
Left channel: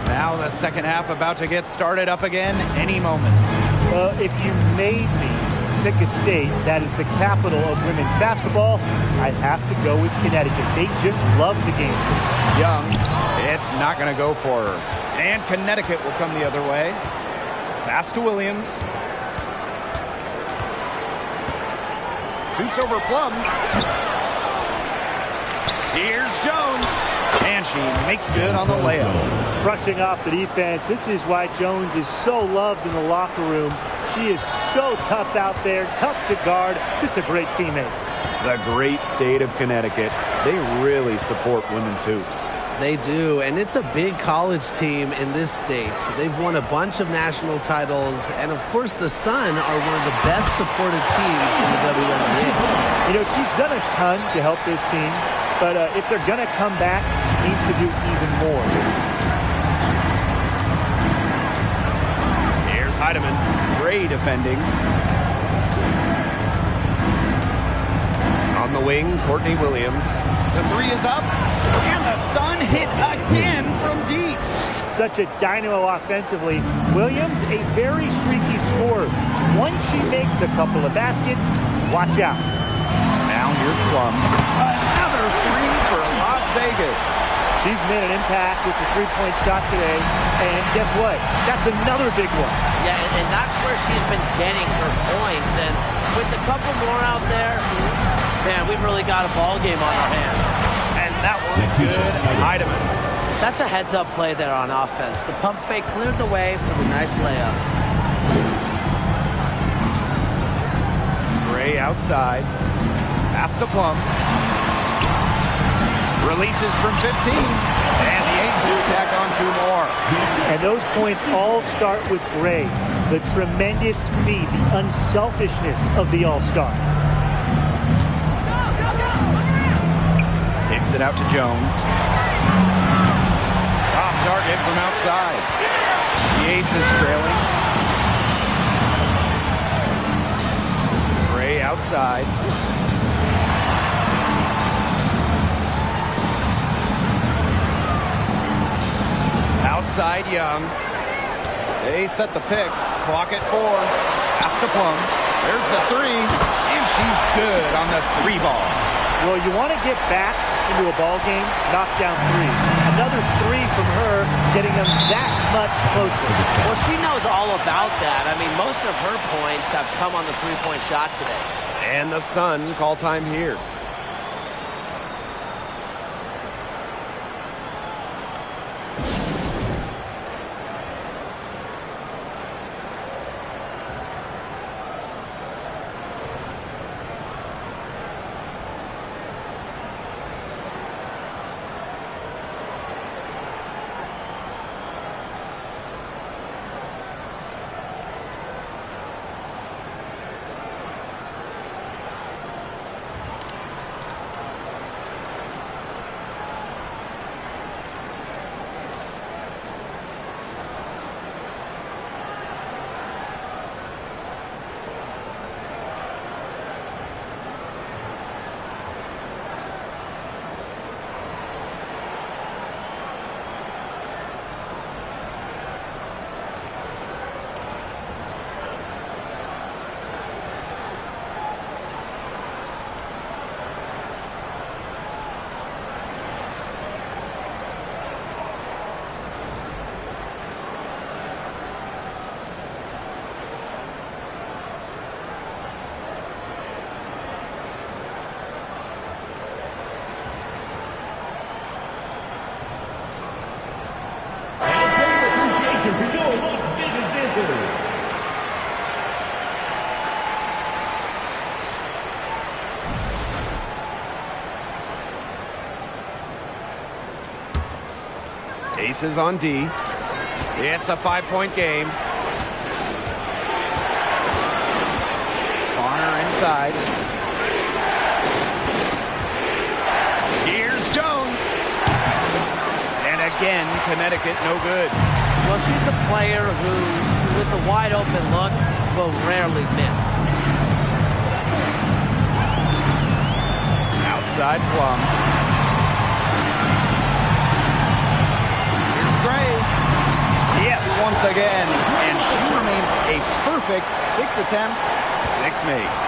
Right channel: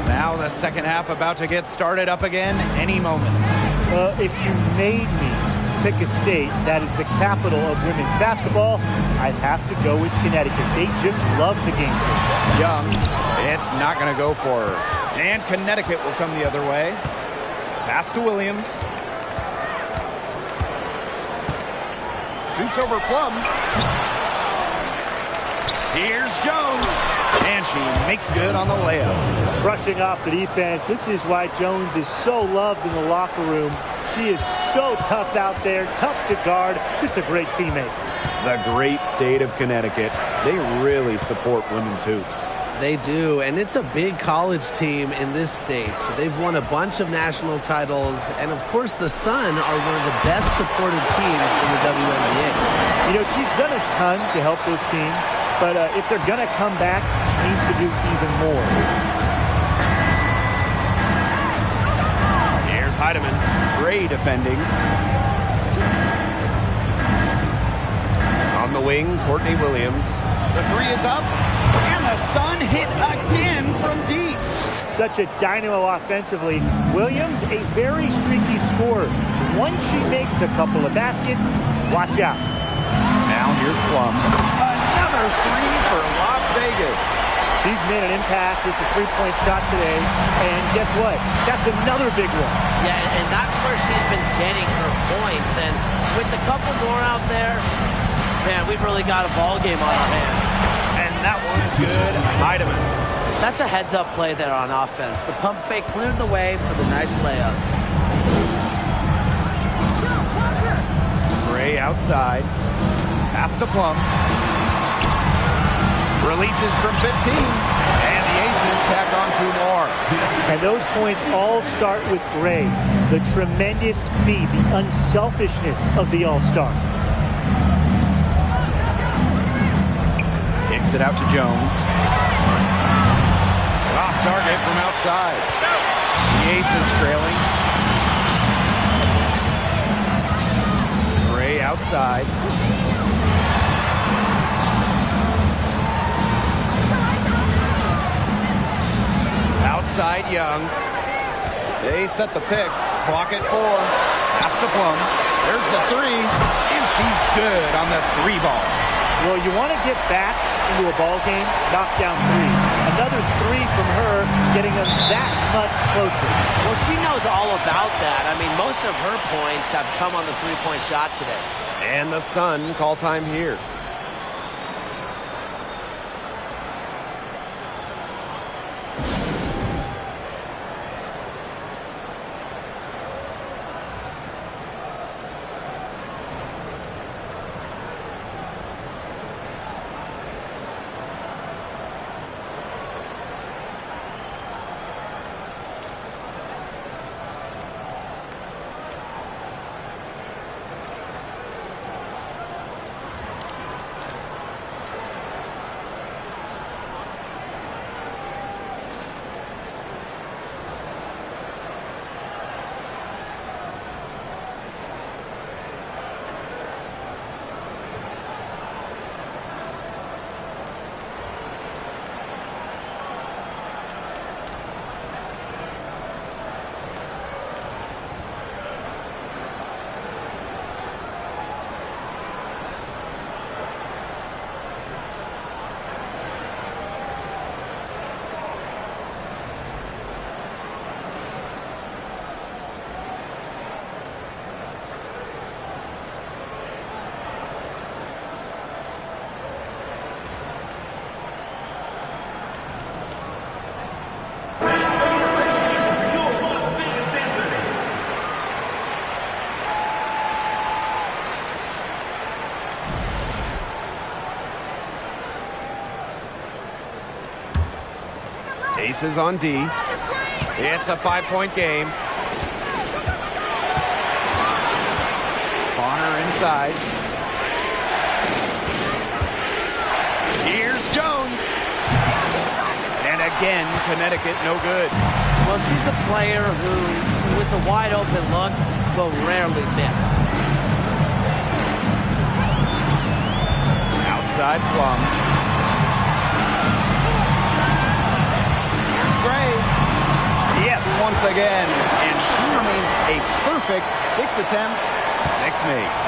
Now the second half about to get started up again any moment. If you made me pick a state that is the capital of women's basketball, I'd have to go with Connecticut. They just love the game. Young, it's not going to go for her. And Connecticut will come the other way. Pass to Williams. Shoots over Plum. Here's Jones. And she makes good on the layup. Brushing off the defense. This is why Jones is so loved in the locker room. She is so tough out there, tough to guard, just a great teammate. The great state of Connecticut. They really support women's hoops. They do, and it's a big college team in this state. They've won a bunch of national titles, and of course the Sun are one of the best supported teams in the WNBA. You know, she's done a ton to help this team, but if they're going to come back, she needs to do even more. Here's Heidemann. Great defending. On the wing, Courtney Williams. The 3 is up, and the Sun hit again from deep. Such a dynamo offensively. Williams, a very streaky scorer. Once she makes a couple of baskets, watch out. Now here's Plum. Another 3 for Las Vegas. She's made an impact with the three-point shot today, and guess what? That's another big one. Yeah, and that's where she's been getting her points, and with a couple more out there, man, we've really got a ball game on our hands. And that one's good. Heidemann. That's a heads-up play there on offense. The pump fake cleared the way for the nice layup. Gray outside. Pass to Plum. Releases from 15. And the Aces tack on 2 more. And those points all start with Gray. The tremendous feed, the unselfishness of the All-Star. Kicks it out to Jones. Off target from outside. The Aces trailing. Gray outside. Outside Young. They set the pick. Clock at 4. Pass to Plum. There's the 3. And she's good on the 3 ball. Well, you want to get back into a ball game, knock down threes. Another 3 from her, getting them that much closer. Well, she knows all about that. I mean, most of her points have come on the three-point shot today. And the Sun call time here. Aces on D. It's a 5-point game. Bonner inside. Here's Jones. And again, Connecticut no good. Well, she's a player who, with a wide open look, will rarely miss. Outside Plum. Here's Gray. Yes, once again. And she remains a perfect 6 attempts, 6 makes.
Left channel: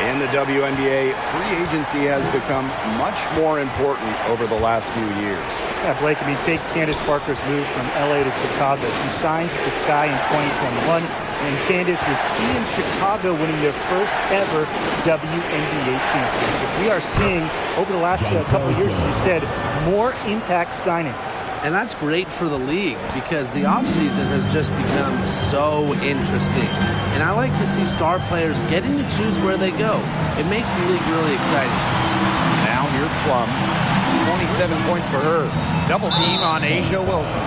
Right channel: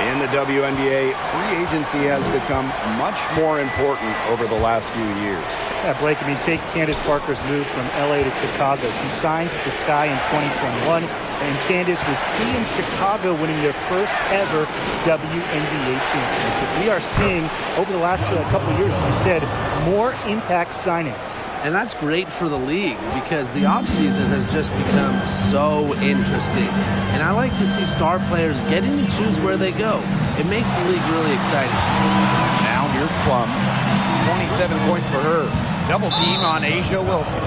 In the WNBA, free agency has become much more important over the last few years. Yeah, Blake, I mean, take Candace Parker's move from LA to Chicago. She signed with the Sky in 2021, and Candace was key in Chicago winning their first ever WNBA championship. We are seeing, over the last couple of years, as you said, more impact signings. And that's great for the league because the offseason has just become so interesting. And I like to see star players getting to choose where they go. It makes the league really exciting. Now here's Plum. 27 points for her. Double team on Asia Wilson.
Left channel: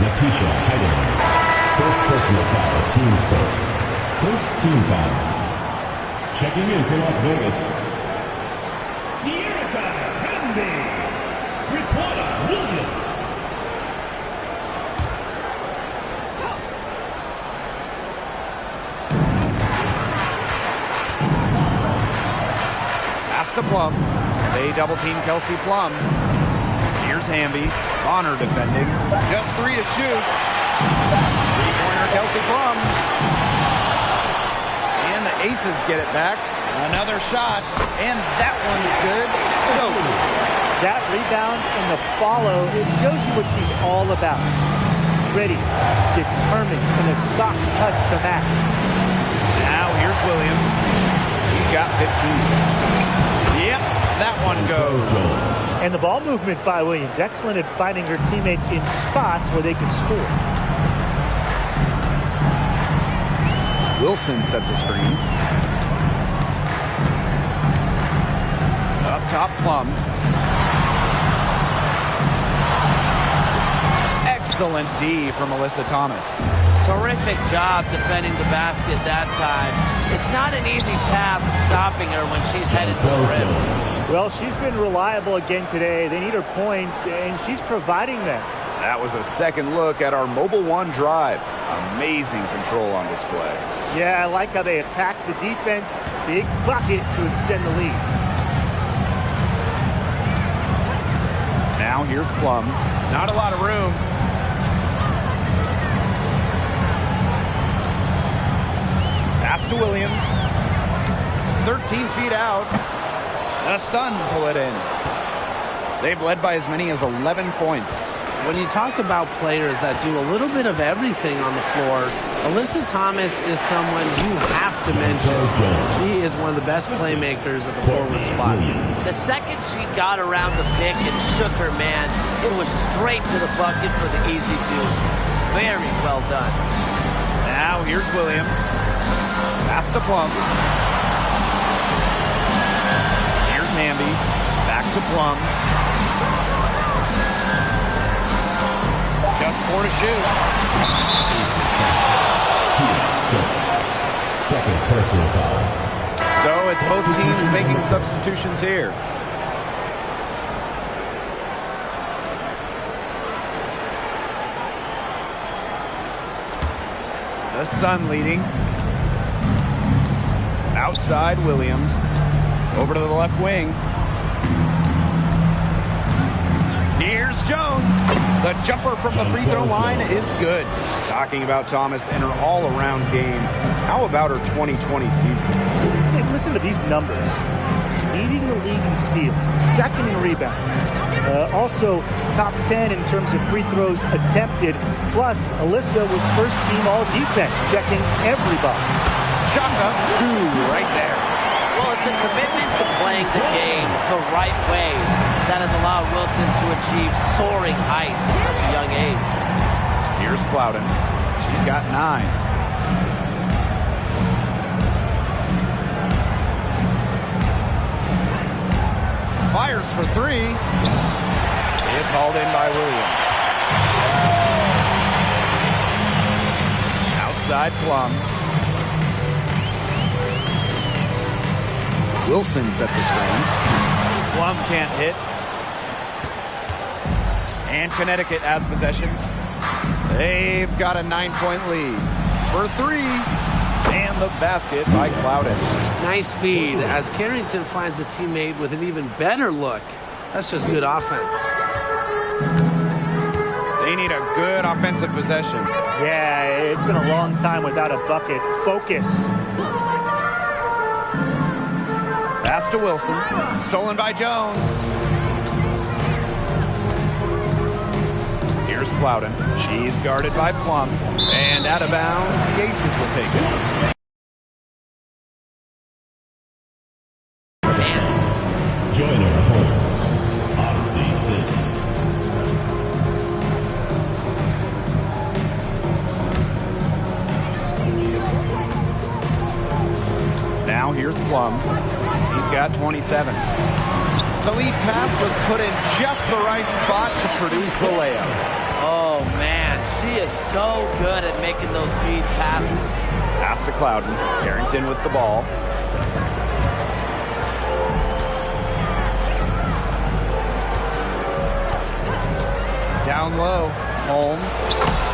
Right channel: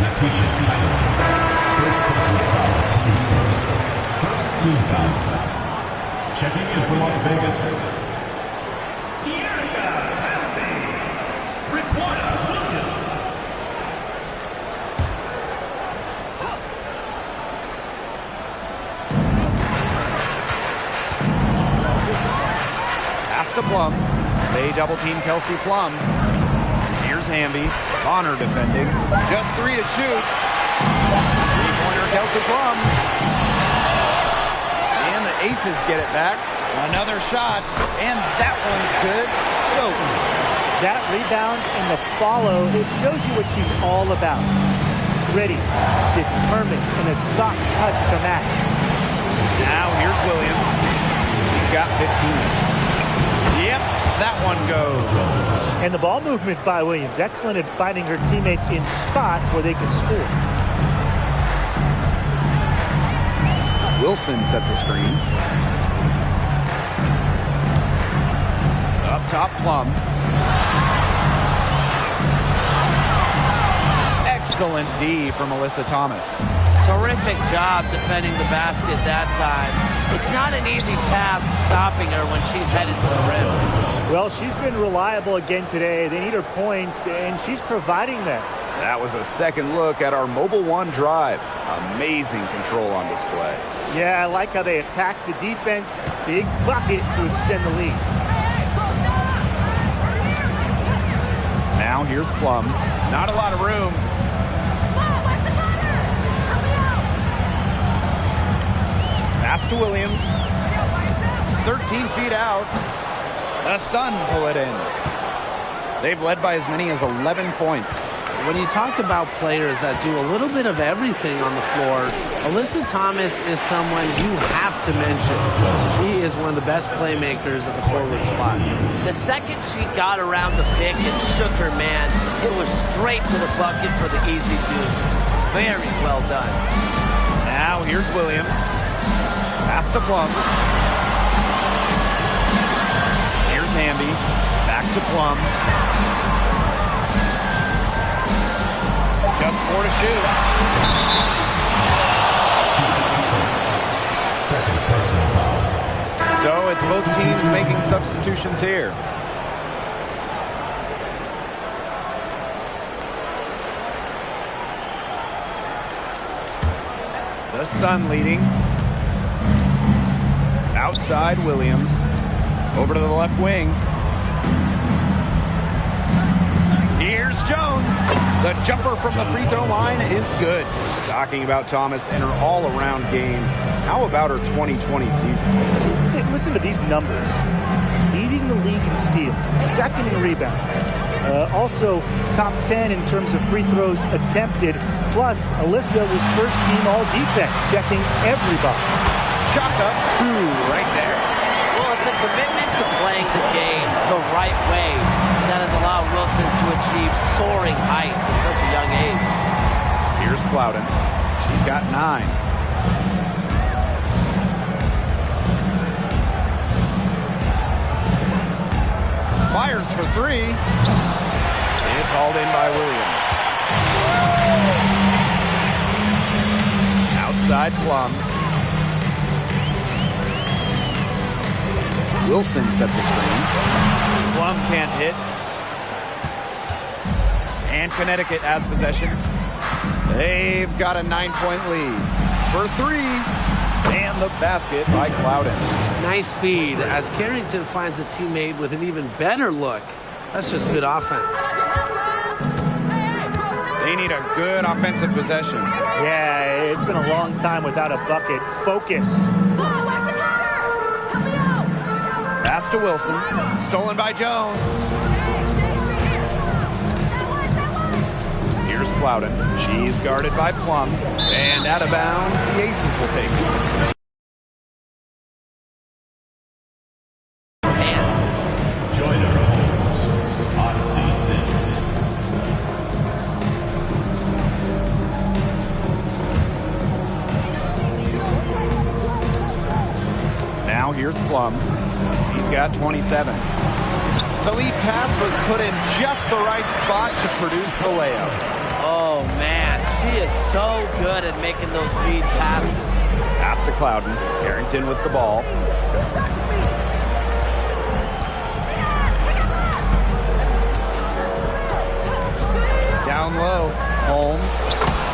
Natisha Heidemann. First personal foul, team's first. First team foul. Checking in from Las Vegas. Tierra Hamby. Riquana Williams. Pass to Plum. They double team Kelsey Plum. Here's Hamby. Bonner defending. Just 3 to shoot. Three-pointer Kelsey Plum. And the Aces get it back. Another shot. And that one's good. Stokes. That rebound and the follow, it shows you what she's all about. Ready, determined, and a soft touch to match. Now here's Williams. He's got 15. Yep, that one goes. And the ball movement by Williams. Excellent at finding her teammates in spots where they can score. Wilson sets a screen. Up top, Plum. Excellent D from Alyssa Thomas. Terrific job defending the basket that time. It's not an easy task stopping her when she's headed to the rim. Well, she's been reliable again today. They need her points, and she's providing them. That was a second look at our Mobile One drive. Amazing control on display. Yeah, I like how they attack the defense. Big bucket to extend the lead. Now here's Plum. Not a lot of room. Pass to Williams. 13 feet out. The Sun pull it in. They've led by as many as 11 points. When you talk about players that do a little bit of everything on the floor, Alyssa Thomas is someone you have to mention. She is one of the best playmakers at the forward spot. The second she got around the pick and shook her man, it was straight to the bucket for the easy deuce. Very well done. Now here's Williams. Pass to Plum. Here's Hamby. Back to Plum. Just 4 to shoot. Second personal foul. So it's both teams making substitutions here. The Sun leading. Outside Williams. Over to the left wing. Here's Jones. The jumper from the free throw line is good. Talking about Thomas and her all-around game. How about her 2020 season? Hey, listen to these numbers. Leading the league in steals, second in rebounds. Also top 10 in terms of free throws attempted. Plus, Alyssa was first team all defense, checking every box. Chalk up 2 right there. Well, it's a commitment to playing the game the right way that has allowed Wilson to achieve soaring heights at such a young age. Here's Plowden. She's got 9. Fires for 3. It's hauled in by Williams. Outside Plum. Wilson sets a screen. Plum can't hit. And Connecticut has possession. They've got a 9-point lead. For three. And the basket by Clouden. Nice feed as Carrington finds a teammate with an even better look. That's just good offense. They need a good offensive possession. Yeah, it's been a long time without a bucket. Focus. Pass to Wilson. Stolen by Jones. Here's Clouden. She's guarded by Plum. And out of bounds, the Aces will take it. Joyner Holmes. Odyssey Sims. Now here's Plum. He's got 27. The lead pass was put in just the right spot to produce the layup. Oh, man. She is so good at making those lead passes. Pass to Clouden. Carrington with the ball. Down low. Holmes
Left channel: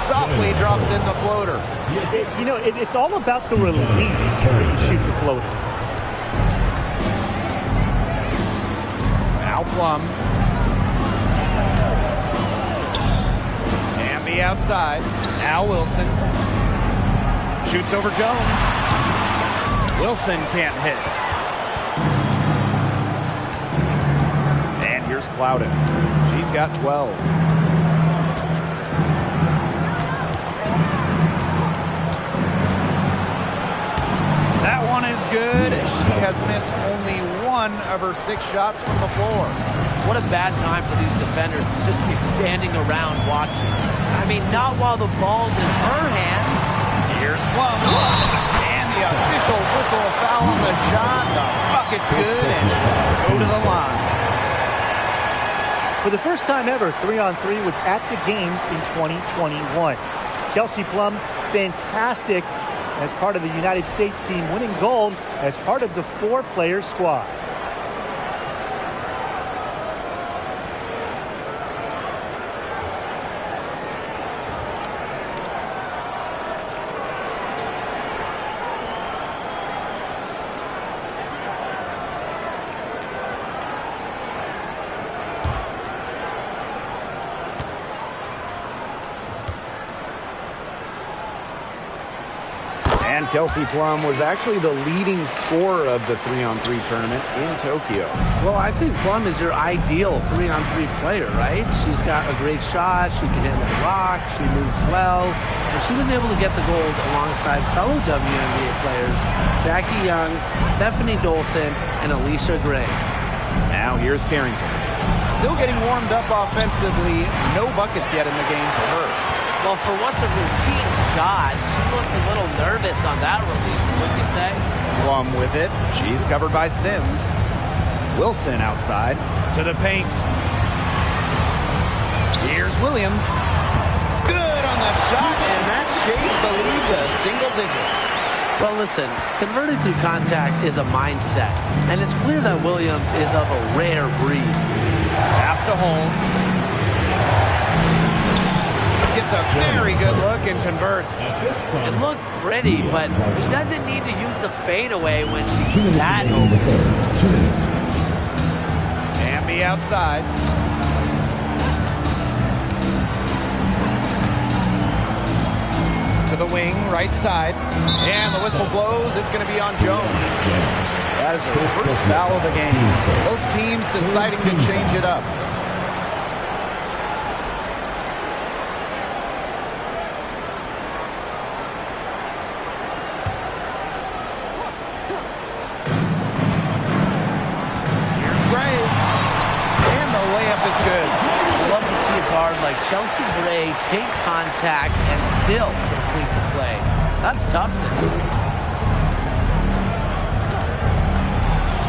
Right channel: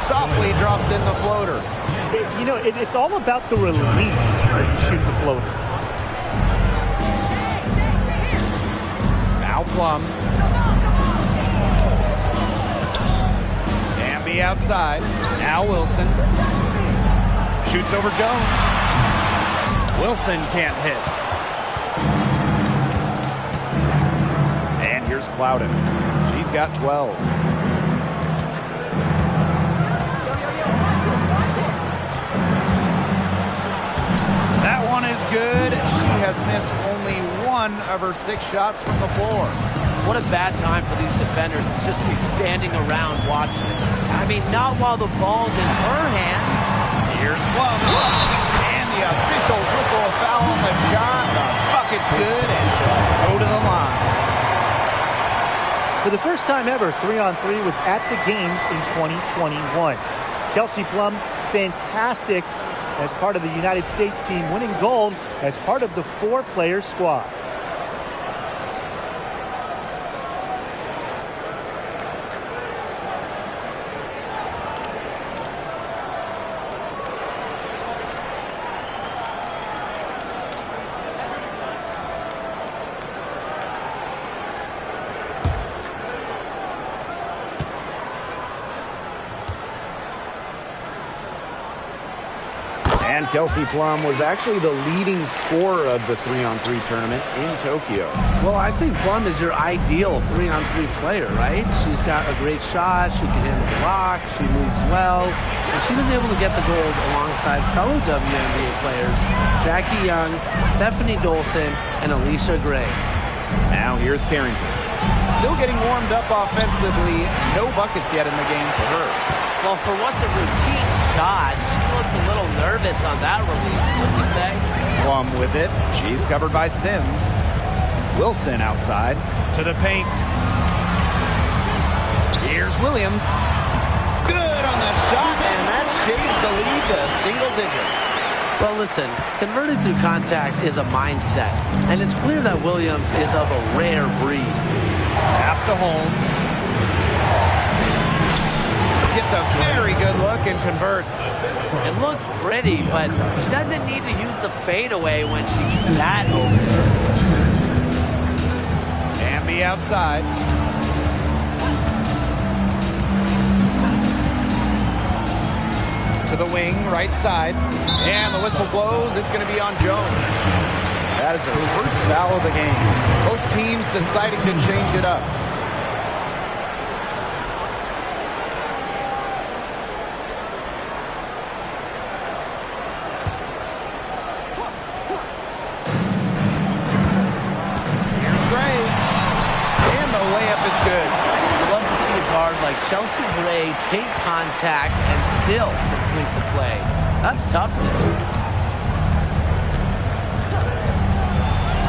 softly drops in the floater. It's all about the release when you shoot the floater. Now Plum. Amby outside. Now Wilson. Shoots over Jones. Wilson can't hit. And here's Clouden. She's got 12. That one is good. She has missed only one of her 6 shots from the floor. What a bad time for these defenders to just be standing around watching. I mean, not while the ball's in her hands. Here's Plum. And the officials whistle a foul on the shot. The bucket's good and she'll go to the line. For the first time ever, 3-on-3 was at the games in 2021. Kelsey Plum, fantastic as part of the United States team, winning gold as part of the 4-player squad. And Kelsey Plum was actually the leading scorer of the 3-on-3 tournament in Tokyo. Well, I think Plum is your ideal 3-on-3 player, right? She's got a great shot. She can handle the rock. She moves well. And she was able to get the gold alongside fellow WNBA players Jackie Young, Stephanie Dolson, and Alicia Gray. Now here's Carrington. Still getting warmed up offensively. No buckets yet in the game for her. Well, for what's a routine shot, she looked a little nervous on that release, wouldn't you say? Plum with it. She's covered by Sims. Wilson outside to the paint. Here's Williams. Good on the shot, and that shades the lead to single digits. Well, listen, converting through contact is a mindset, and it's clear that Williams is of a rare breed. Pass to Holmes. Gets a very good look and converts. It looked pretty, but she doesn't need to use the fadeaway when she's that open. 2 minutes. Amby outside. To the wing, right side. And the whistle blows. It's going to be on Jones. That is her first foul of the game. Both teams deciding to change it up. Is good. You love to see a guard like Chelsea Gray take contact and still complete the play. That's toughness.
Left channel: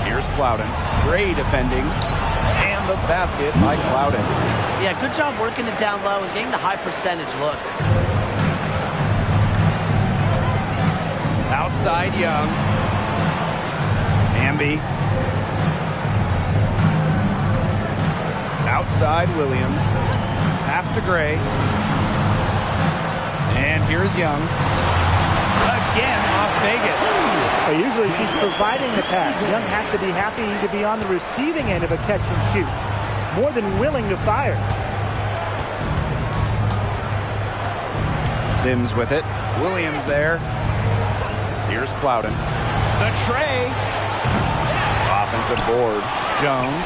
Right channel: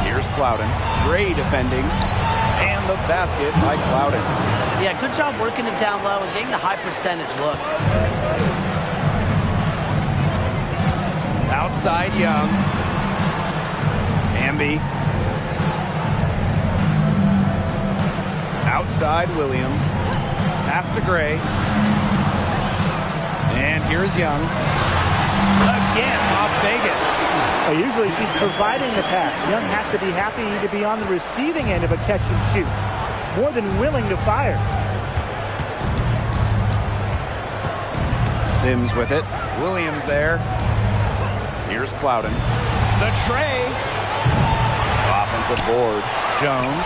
Here's Clouden. Gray defending. And the basket by Clouden. Yeah, good job working it down low and getting the high percentage look. Outside Young. Amby. Outside Williams. Pass to Gray. And here's Young. Again, Las Vegas. Well, usually she's providing the pass. Young has to be happy to be on the receiving end of a catch and shoot. More than willing to fire. Sims with it. Williams there. Here's Clouden. The tray. Offensive board. Jones.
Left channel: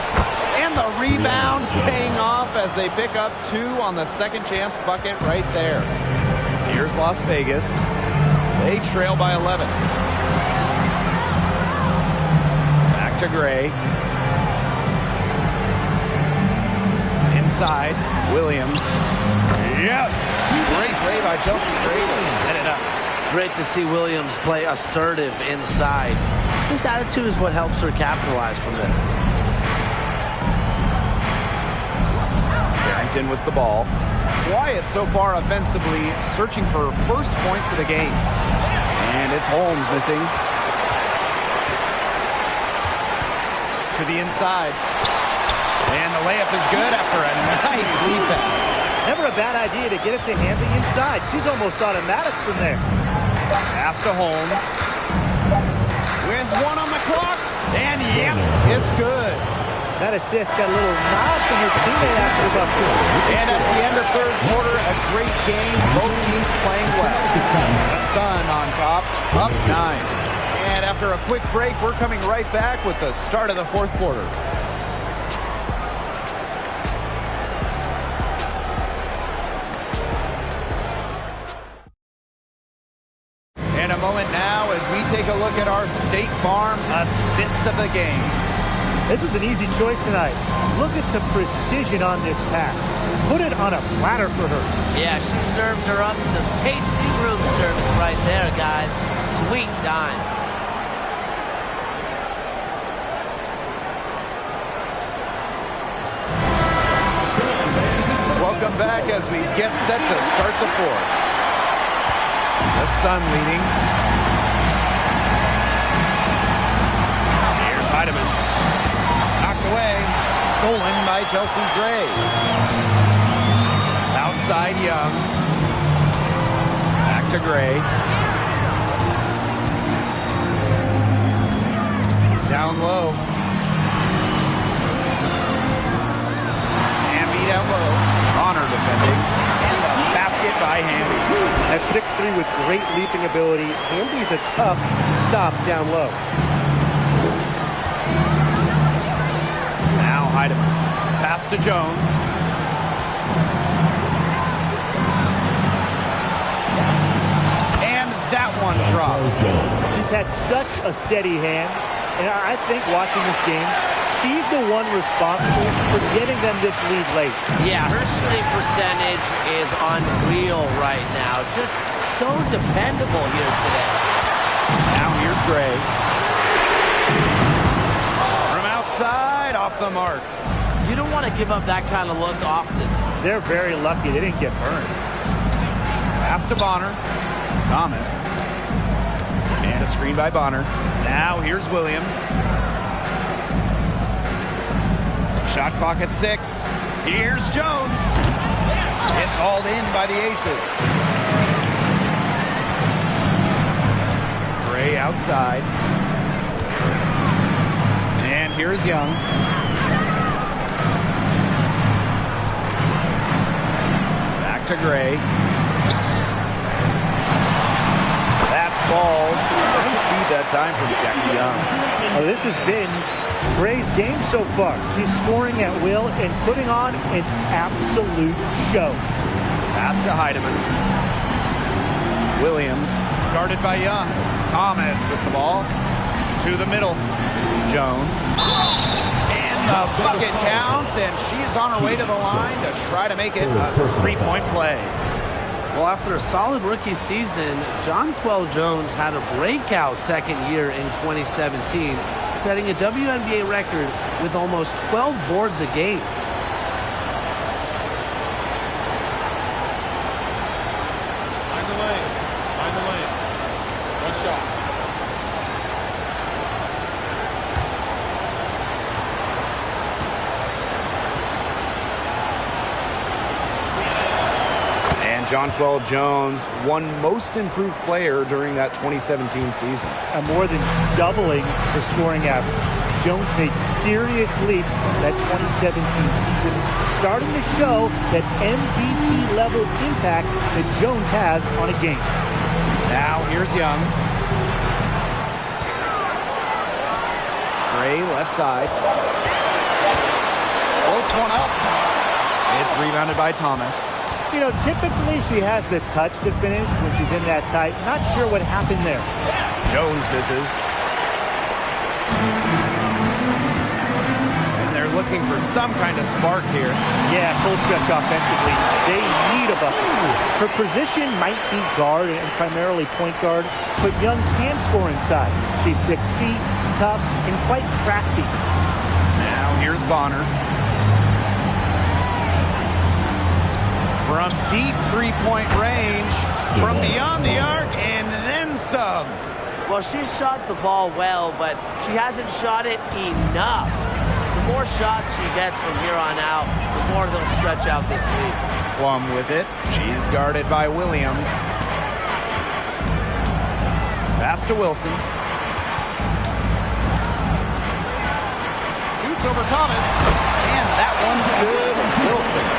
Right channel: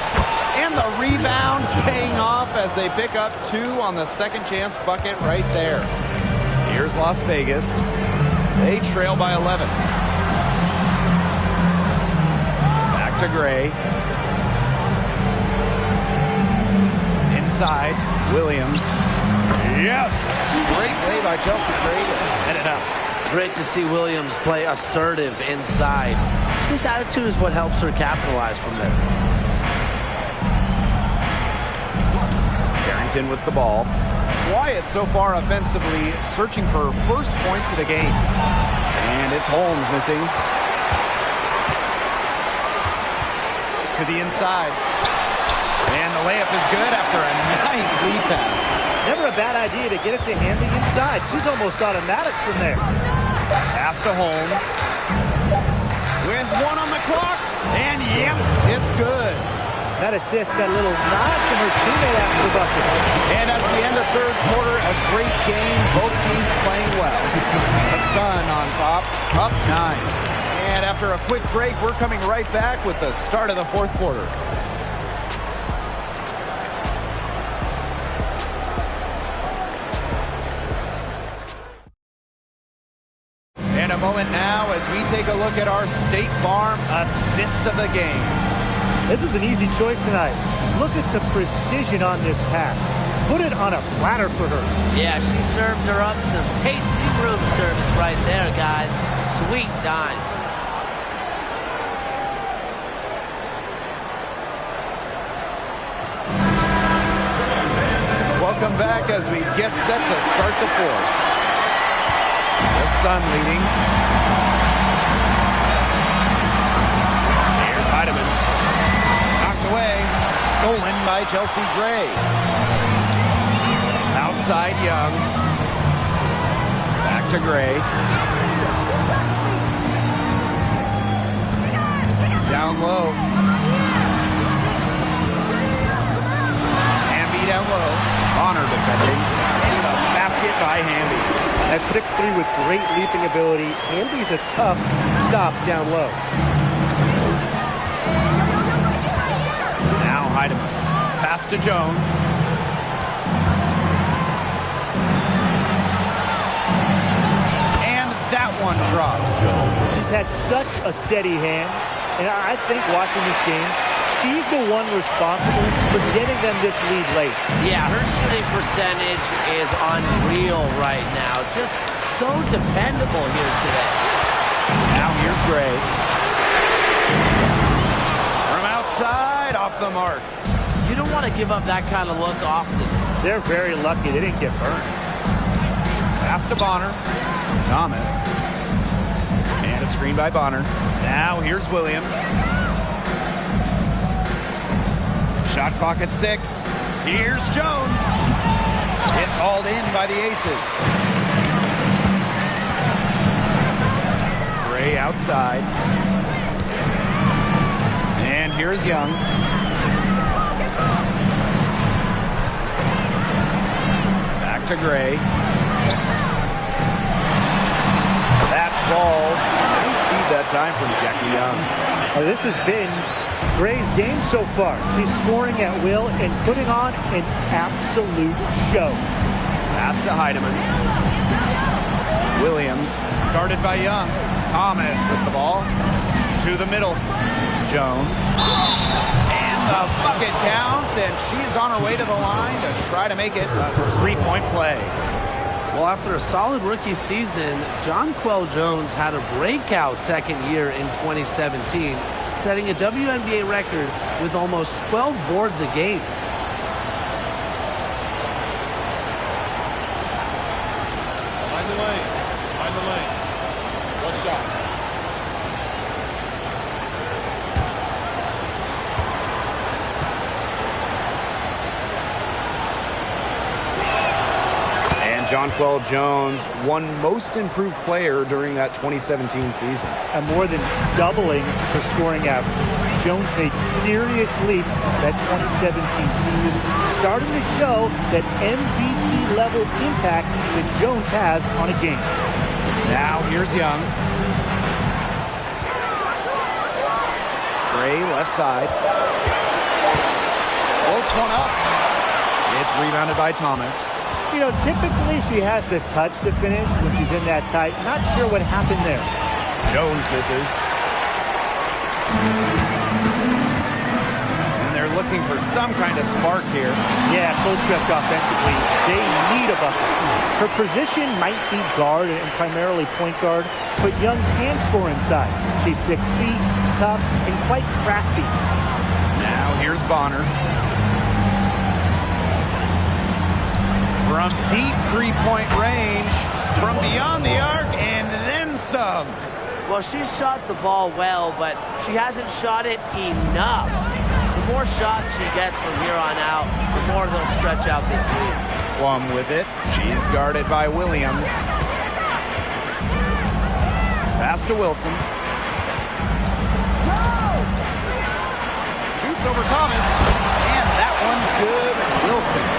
And the rebound paying off as they pick up 2 on the second chance bucket right there. Here's Las Vegas. They trail by 11. Back to Gray. Inside. Williams. Yes! Great play by Chelsea Gray to set it up. Great to see Williams play assertive inside. This attitude is what helps her capitalize from there. Carrington with the ball. Quiet so far offensively, searching for first points of the game. And it's Holmes missing. To the inside. And the layup is good after a nice lead pass. Never a bad idea to get it to Hamby inside. She's almost automatic from there. Pass to Holmes. With 1 on the clock. And yep, it's good. That assist got a little nod from her teammate after the bucket. And at the end of third quarter, a great game. Both teams playing well. The Sun on top, up 9. And after a quick break, we're coming right back with the start of the fourth quarter. And a moment now as we take a look at our State Farm assist of the game. This was an easy choice tonight. Look at the precision on this pass. Put it on a platter for her. Yeah, she served her up some tasty room service right there, guys. Sweet dime. Welcome back as we get set to start the fourth. The Sun leading. Here's Heidemann. Knocked away. Stolen by Chelsea Gray. Outside Young. Back to Gray. Down low. Hamby down low. Bonner defending. And a basket by Hamby. At 6'3" with great leaping ability, Hamby's a tough stop down low. Now Heidemann. Pass to Jones. And that one drops. She's had such a steady hand, and I think watching this game, she's the one responsible for getting them this lead late. Yeah, her shooting percentage is unreal right now. Just so dependable here today. Now here's Gray. From outside, off the mark. You don't want to give up that kind of look often. They're very lucky they didn't get burned. Pass to Bonner. Thomas. And a screen by Bonner. Now here's Williams. Shot clock at 6. Here's Jones. It's hauled in by the Aces. Gray outside. And here's Young. Back to Gray. That falls. Nice feed that time from Jackie Young. Oh, this has been Gray's game so far. She's scoring at will and putting on an absolute show. Pass to Heidemann. Williams, guarded by Young. Thomas with the ball. To the middle. Jones. And the bucket counts, and she is on her way to the line to try to make it a three-point play. Well, after a solid rookie season, Jonquel Jones had a breakout second year in 2017, setting a WNBA record with almost 12 boards a game. Mind the lanes. Mind the lanes. One shot. And Jonquel Jones won Most Improved Player during that 2017 season. And more than doubling her scoring average. Jones made serious leaps that 2017 season, starting to show that MVP-level impact that Jones has on a game. Now here's Young. Gray left side. Floats one up. It's rebounded by Thomas. You know, typically she has the touch to finish when she's in that tight. Not sure what happened there. Jones misses. And they're looking for some kind of spark here. Yeah, full stretch offensively. They need a bucket. Her position might be guard and primarily point guard, but Young can score inside. She's 6 feet, tough, and quite crafty. Now here's Bonner. From deep three-point range, from beyond the arc, and then some. Well, she's shot the ball well, but she hasn't shot it enough. The more shots she gets from here on out, the more they'll stretch out this lead. Plum with it. She's guarded by Williams. Pass to Wilson. Shoots over Thomas, and that one's good. Wilson.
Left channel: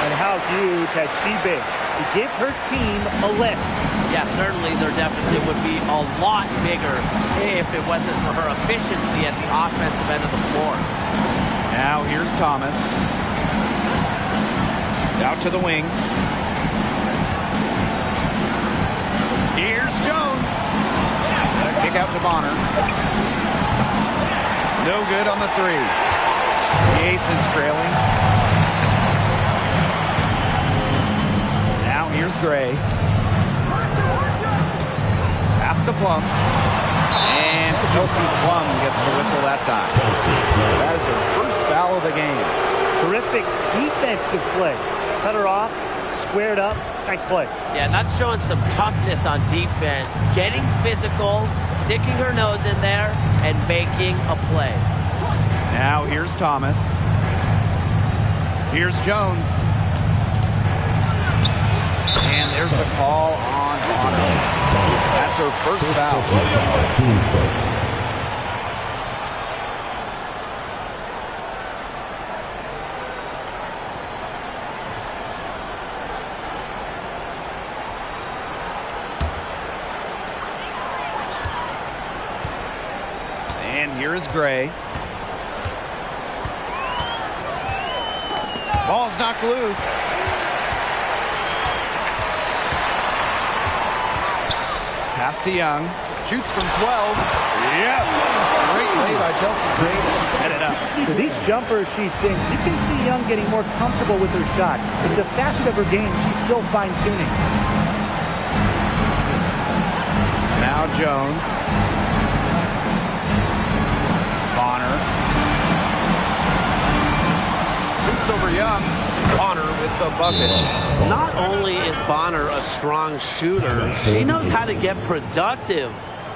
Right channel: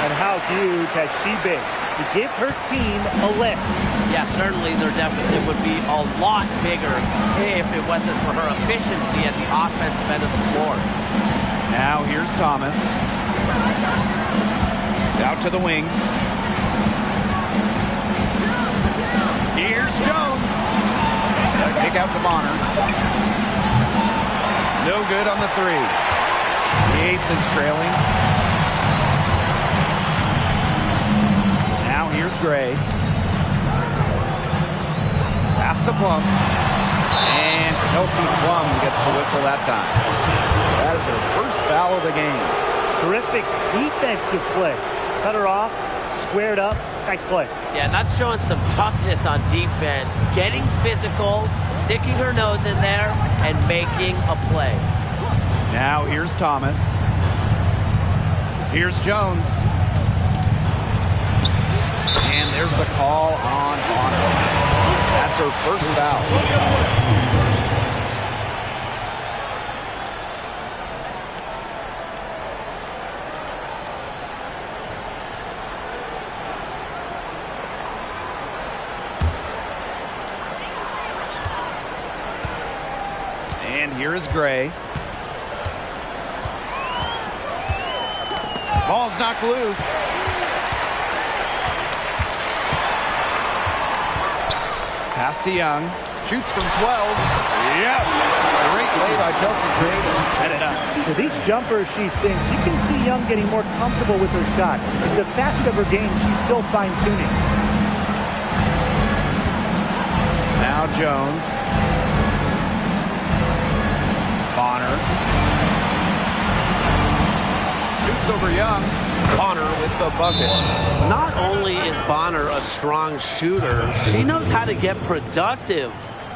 And how huge has she been to give her team a lift? Yeah, certainly their deficit would be a lot bigger if it wasn't for her efficiency at the offensive end of the floor. Now here's Thomas. Out to the wing. Here's Jones. A kick out to Bonner. No good on the three. The Aces trailing. Now here's Gray. Pass to Plum. And Kelsey Plum gets the whistle that time. That is her first foul of the game. Terrific defensive play. Cut her off, squared up. Nice play. Yeah, and that's showing some toughness on defense. Getting physical, sticking her nose in there, and making a play. Now here's Thomas. Here's Jones. And there's the call on Bonner. That's her first foul. Teams first. And here is Gray. Ball's knocked loose. Pass to Young. Shoots from 12. Yes! Great play by Chelsea Gray to set it up. With each jumper she sinks, you can see Young getting more comfortable with her shot. It's a facet of her game she's still fine-tuning. Now Jones. Bonner. Shoots over Young. Bonner with the bucket. Not only is Bonner a strong shooter, she knows how to get productive.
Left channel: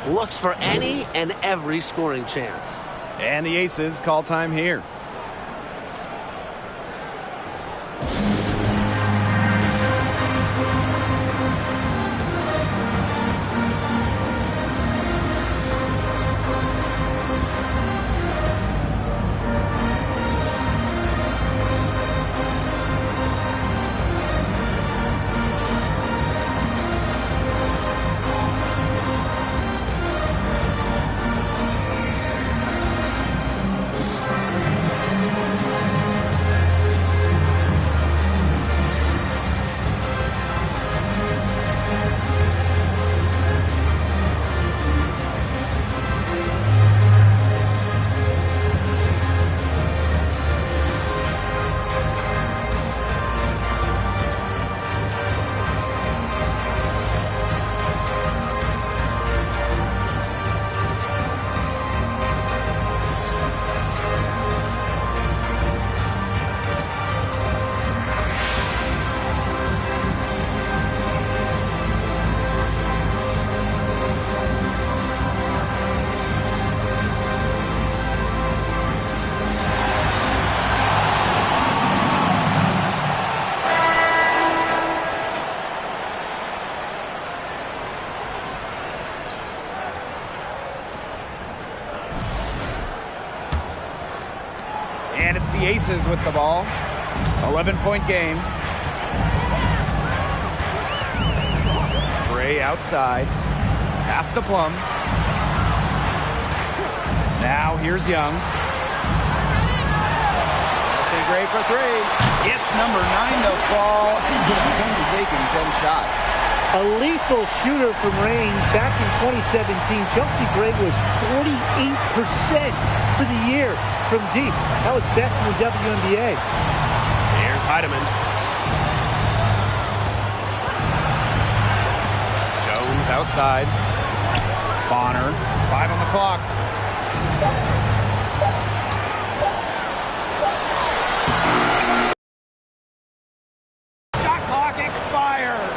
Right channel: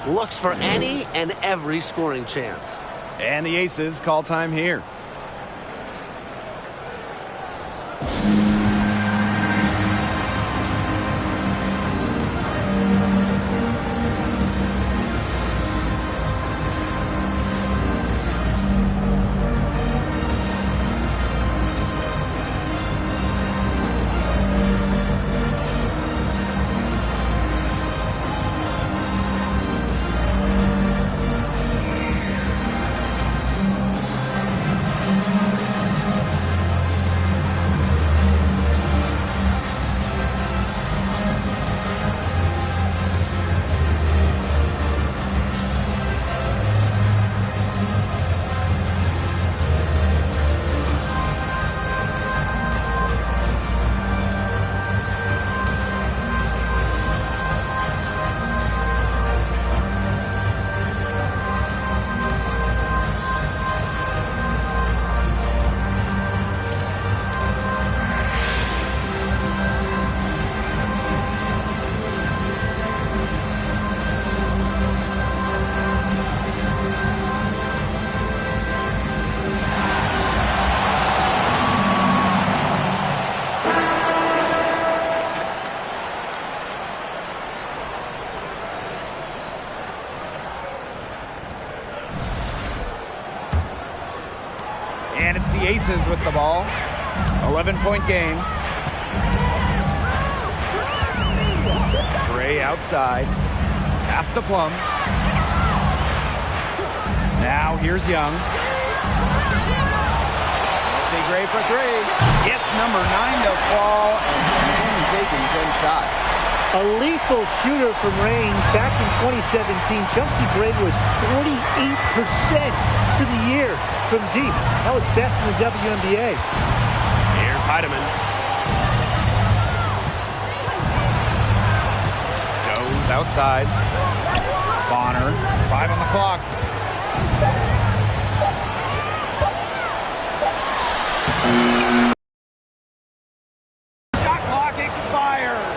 Looks for any and every scoring chance. And the Aces call time here. And it's the Aces with the ball. 11-point game. Gray outside. Pass to Plum. Now here's Young. Chelsea Gray for three. Gets number 9 to fall, and he's only taken 10 shots. A lethal shooter from range. Back in 2017, Chelsea Gray was 48% for the year from deep. That was best in the WNBA. Here's Heidemann. Jones outside. Bonner, 5 on the clock. Shot clock expires.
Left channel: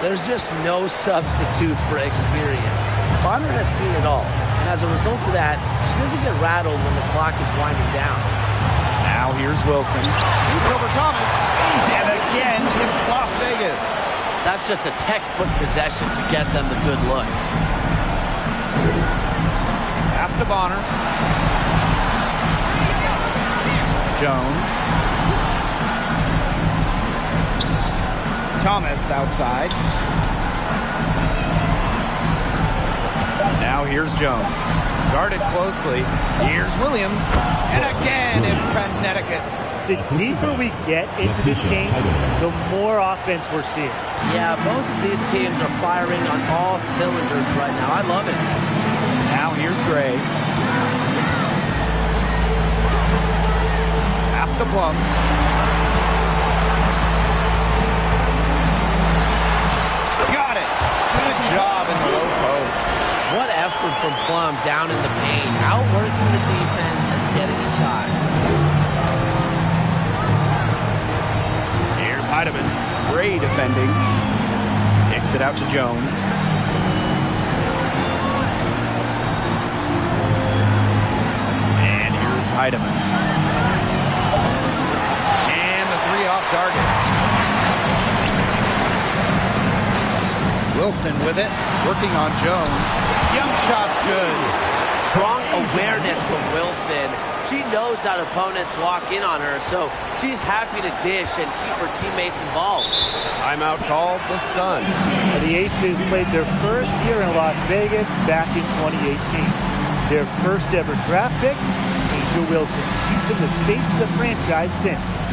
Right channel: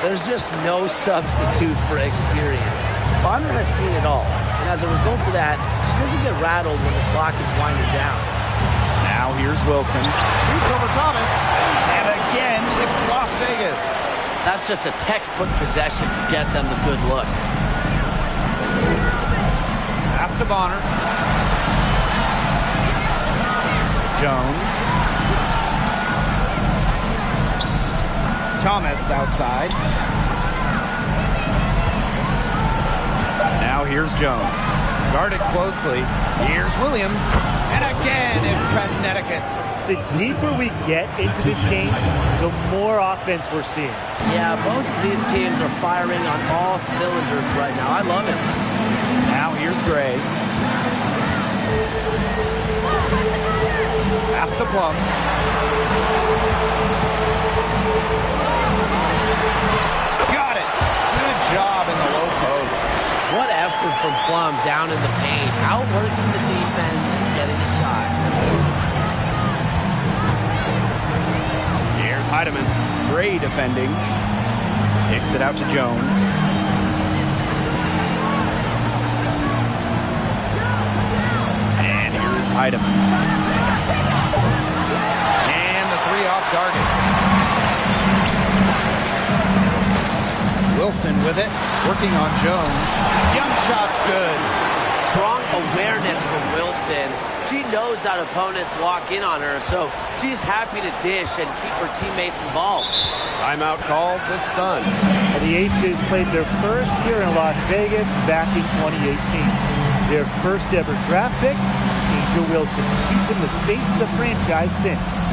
There's just no substitute for experience. Bonner has seen it all, and as a result of that, she doesn't get rattled when the clock is winding down. Now here's Wilson. Shoots over Thomas. And again, it's Las Vegas. That's just a textbook possession to get them the good look. Pass to Bonner. Jones. Thomas outside. Now here's Jones. Guarded closely. Here's Williams. And again, it's Connecticut. The deeper we get into this game, the more offense we're seeing. Yeah, both of these teams are firing on all cylinders right now. I love it. Now here's Gray. Pass to Plum. Got it. Good job in the low post. What effort from Plum down in the paint, outworking the defense and getting a shot. Here's Heidemann. Gray defending. Kicks it out to Jones. And here's Heidemann. And the 3 off target. Wilson with it, working on Jones. Young shot's good. Strong awareness from Wilson. She knows that opponents lock in on her, so she's happy to dish and keep her teammates involved. Timeout called the Sun. The Aces played their first year in Las Vegas back in 2018. Their first ever draft pick, A'ja Wilson. She's been the face of the franchise since.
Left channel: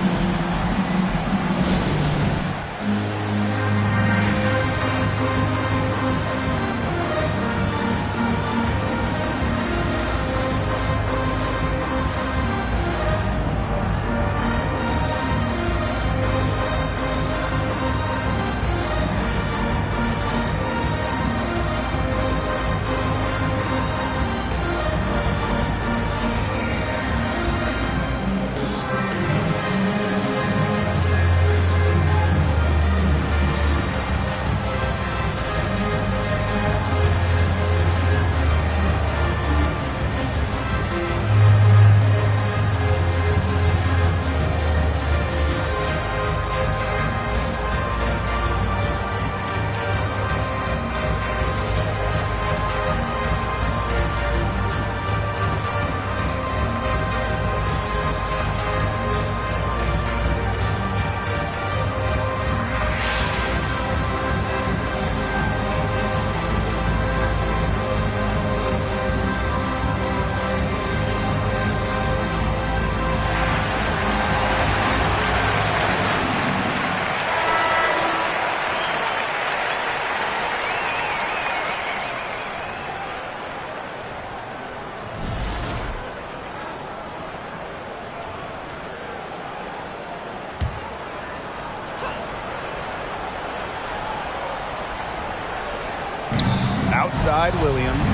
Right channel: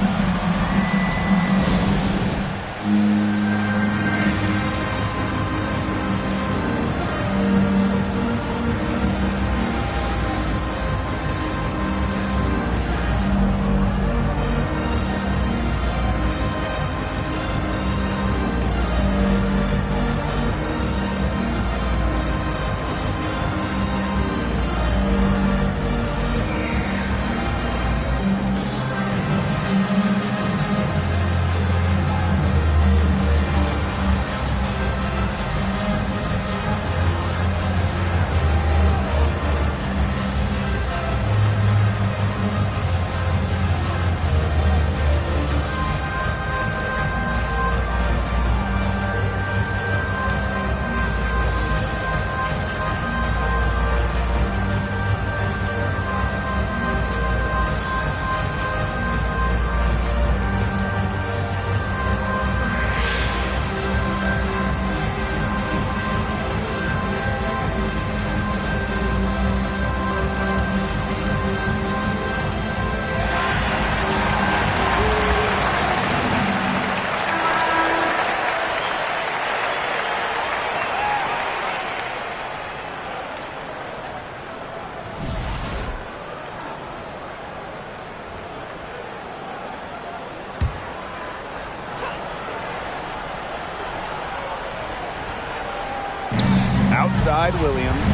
Outside Williams.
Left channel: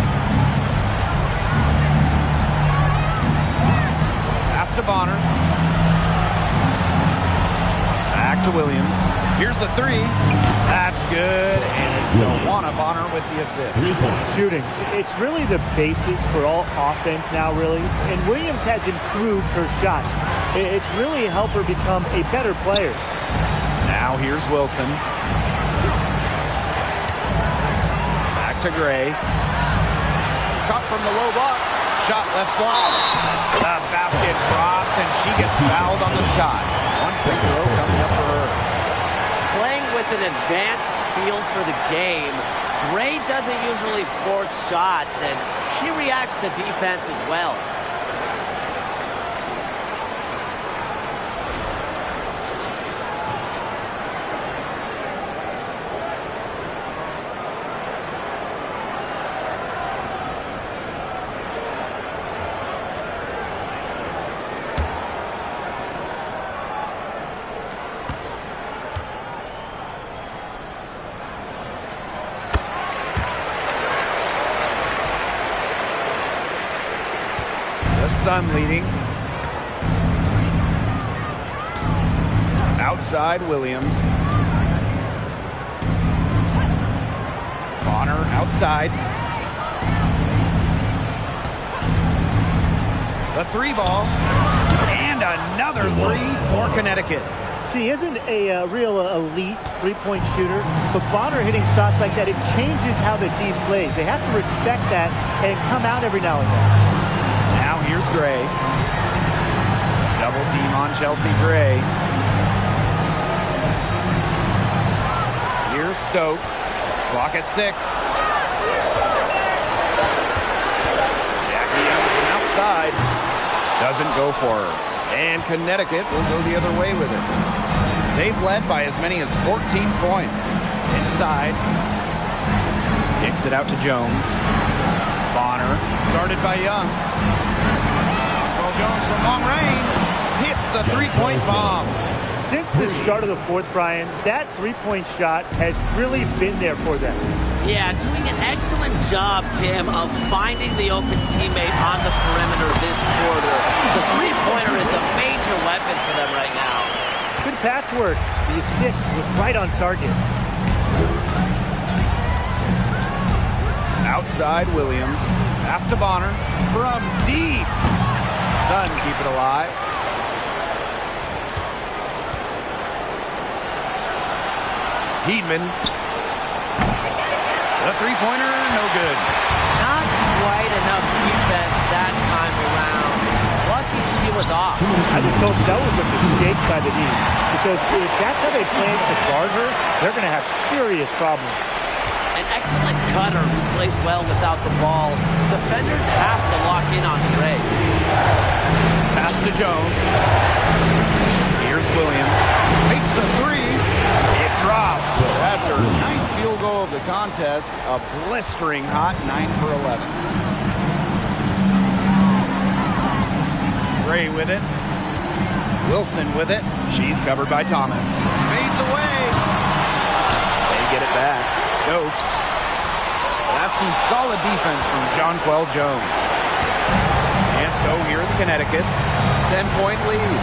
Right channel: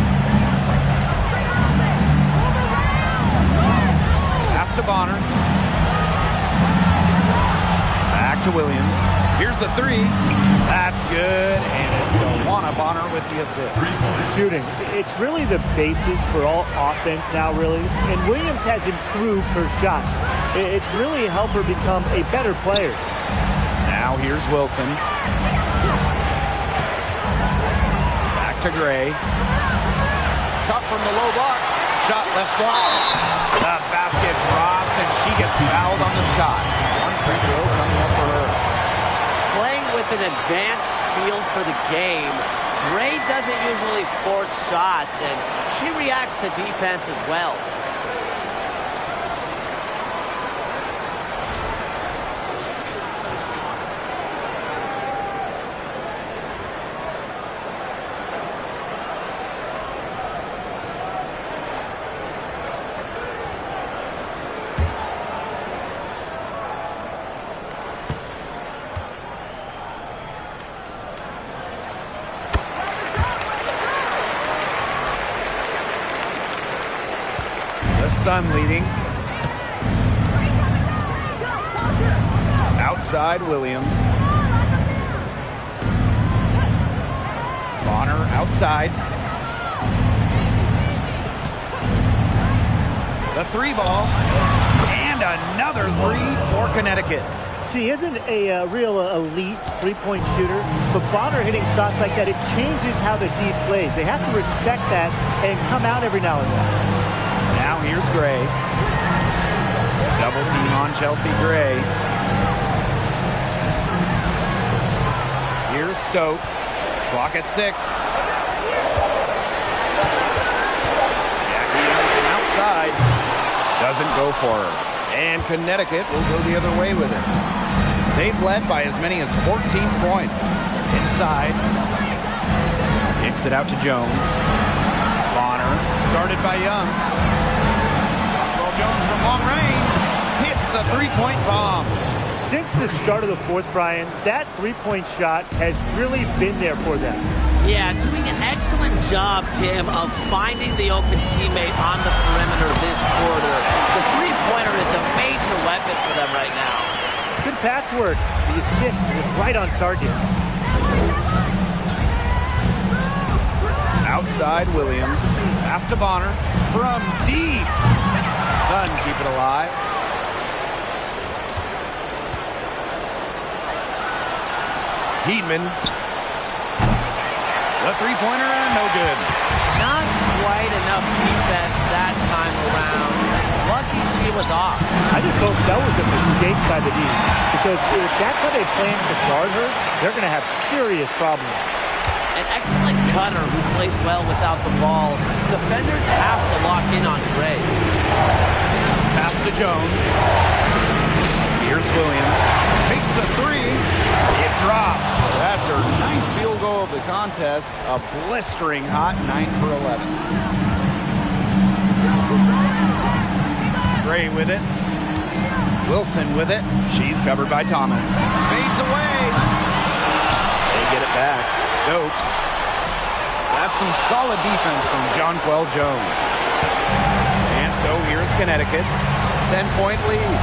Pass to Bonner. Back to Williams. Here's the 3. That's good, and it's Dawana Bonner with the assist. 3-point. Shooting. It's really the basis for all offense now, really. And Williams has improved her shot. It's really helped her become a better player. Now here's Wilson. Back to Gray. Shot from the low block. Shot left block. The basket drops, and she gets fouled on the shot. One free throw coming up for her. Playing with an advanced feel for the game, Gray doesn't usually force shots, and she reacts to defense as well. The Sun leading. Outside Williams. Bonner outside. The three ball. And another three for Connecticut. She isn't a real elite three-point shooter, but Bonner hitting shots like that, it changes how the D plays. They have to respect that and come out every now and then. Now here's Gray. Double team on Chelsea Gray. Here's Stokes. Clock at 6. Jackie Young from outside. Doesn't go for her. And Connecticut will go the other way with it. They've led by as many as 14 points. Inside. Kicks it out to Jones. Bonner. Guarded by Young. Jones from long range hits the three-point bomb. Since the start of the fourth, Brian, that three-point shot has really been there for them. Yeah, doing an excellent job, Tim, of finding the open teammate on the perimeter this quarter. The three-pointer is a major weapon for them right now. Good pass work. The assist was right on target. Outside Williams. Pass to Bonner from deep. Sun keep it alive. Heedman. The three-pointer, no good. Not quite enough defense that time around. Lucky she was off. I just hope that was a mistake by the D, because if that's how they plan to guard her, they're going to have serious problems. An excellent cutter who plays well without the ball. Defenders have to lock in on Gray. Pass to Jones. Here's Williams. Takes the three. It drops. That's her 9th field goal of the contest. A blistering hot 9 for 11. Gray with it. Wilson with it. She's covered by Thomas. Fades away. They get it back. Stokes. That's some solid defense from Jonquel Jones. And so here's Connecticut. 10-point lead.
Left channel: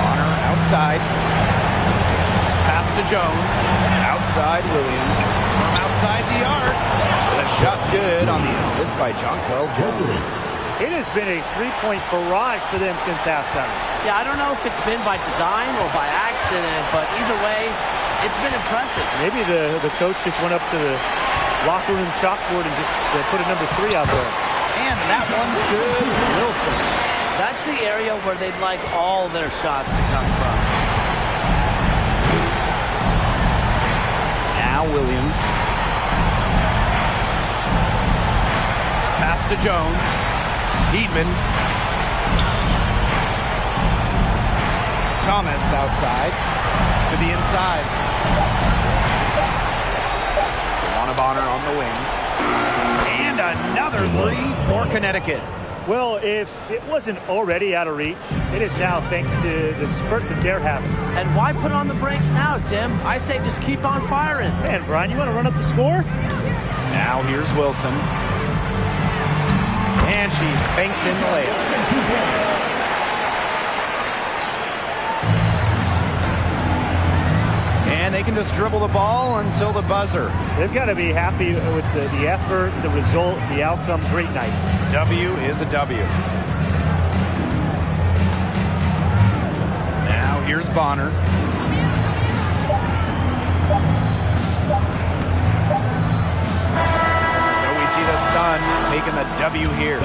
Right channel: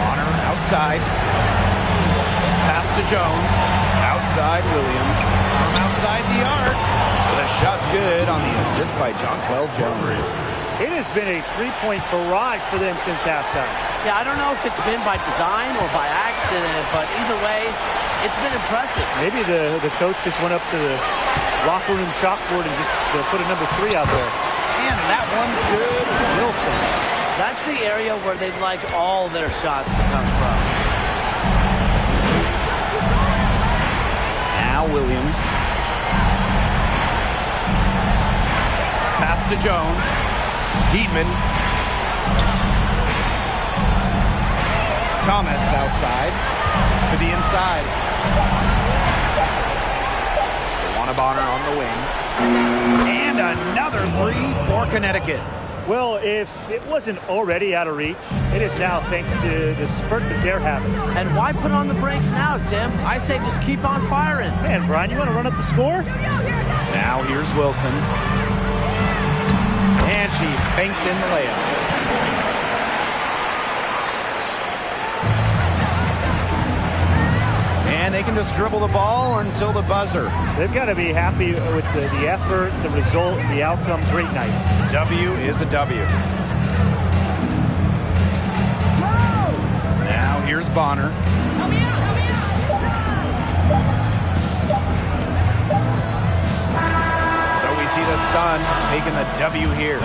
Bonner outside. Pass to Jones. Outside Williams. From outside the arc. The shot's good on the assist by Jonquel Jones. It has been a three-point barrage for them since halftime. Yeah, I don't know if it's been by design or by accident, but either way, it's been impressive. Maybe the coach just went up to the locker room chalkboard and just put a number 3 out there. And that one's good. Wilson. That's the area where they'd like all their shots to come from. Now Williams. Pass to Jones. Heedman. Thomas outside to the inside. DeWanna Bonner on the wing. And another three for Connecticut. Well, if it wasn't already out of reach, it is now thanks to the spurt that they're having. And why put on the brakes now, Tim? I say just keep on firing. Man, Brian, you want to run up the score? Now here's Wilson. And she banks in the layup. And they can just dribble the ball until the buzzer. They've got to be happy with the effort, the result, the outcome. Great night. W is a W. Now here's Bonner. So see the Sun taking the W here.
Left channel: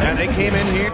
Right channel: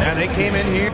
And they came in here.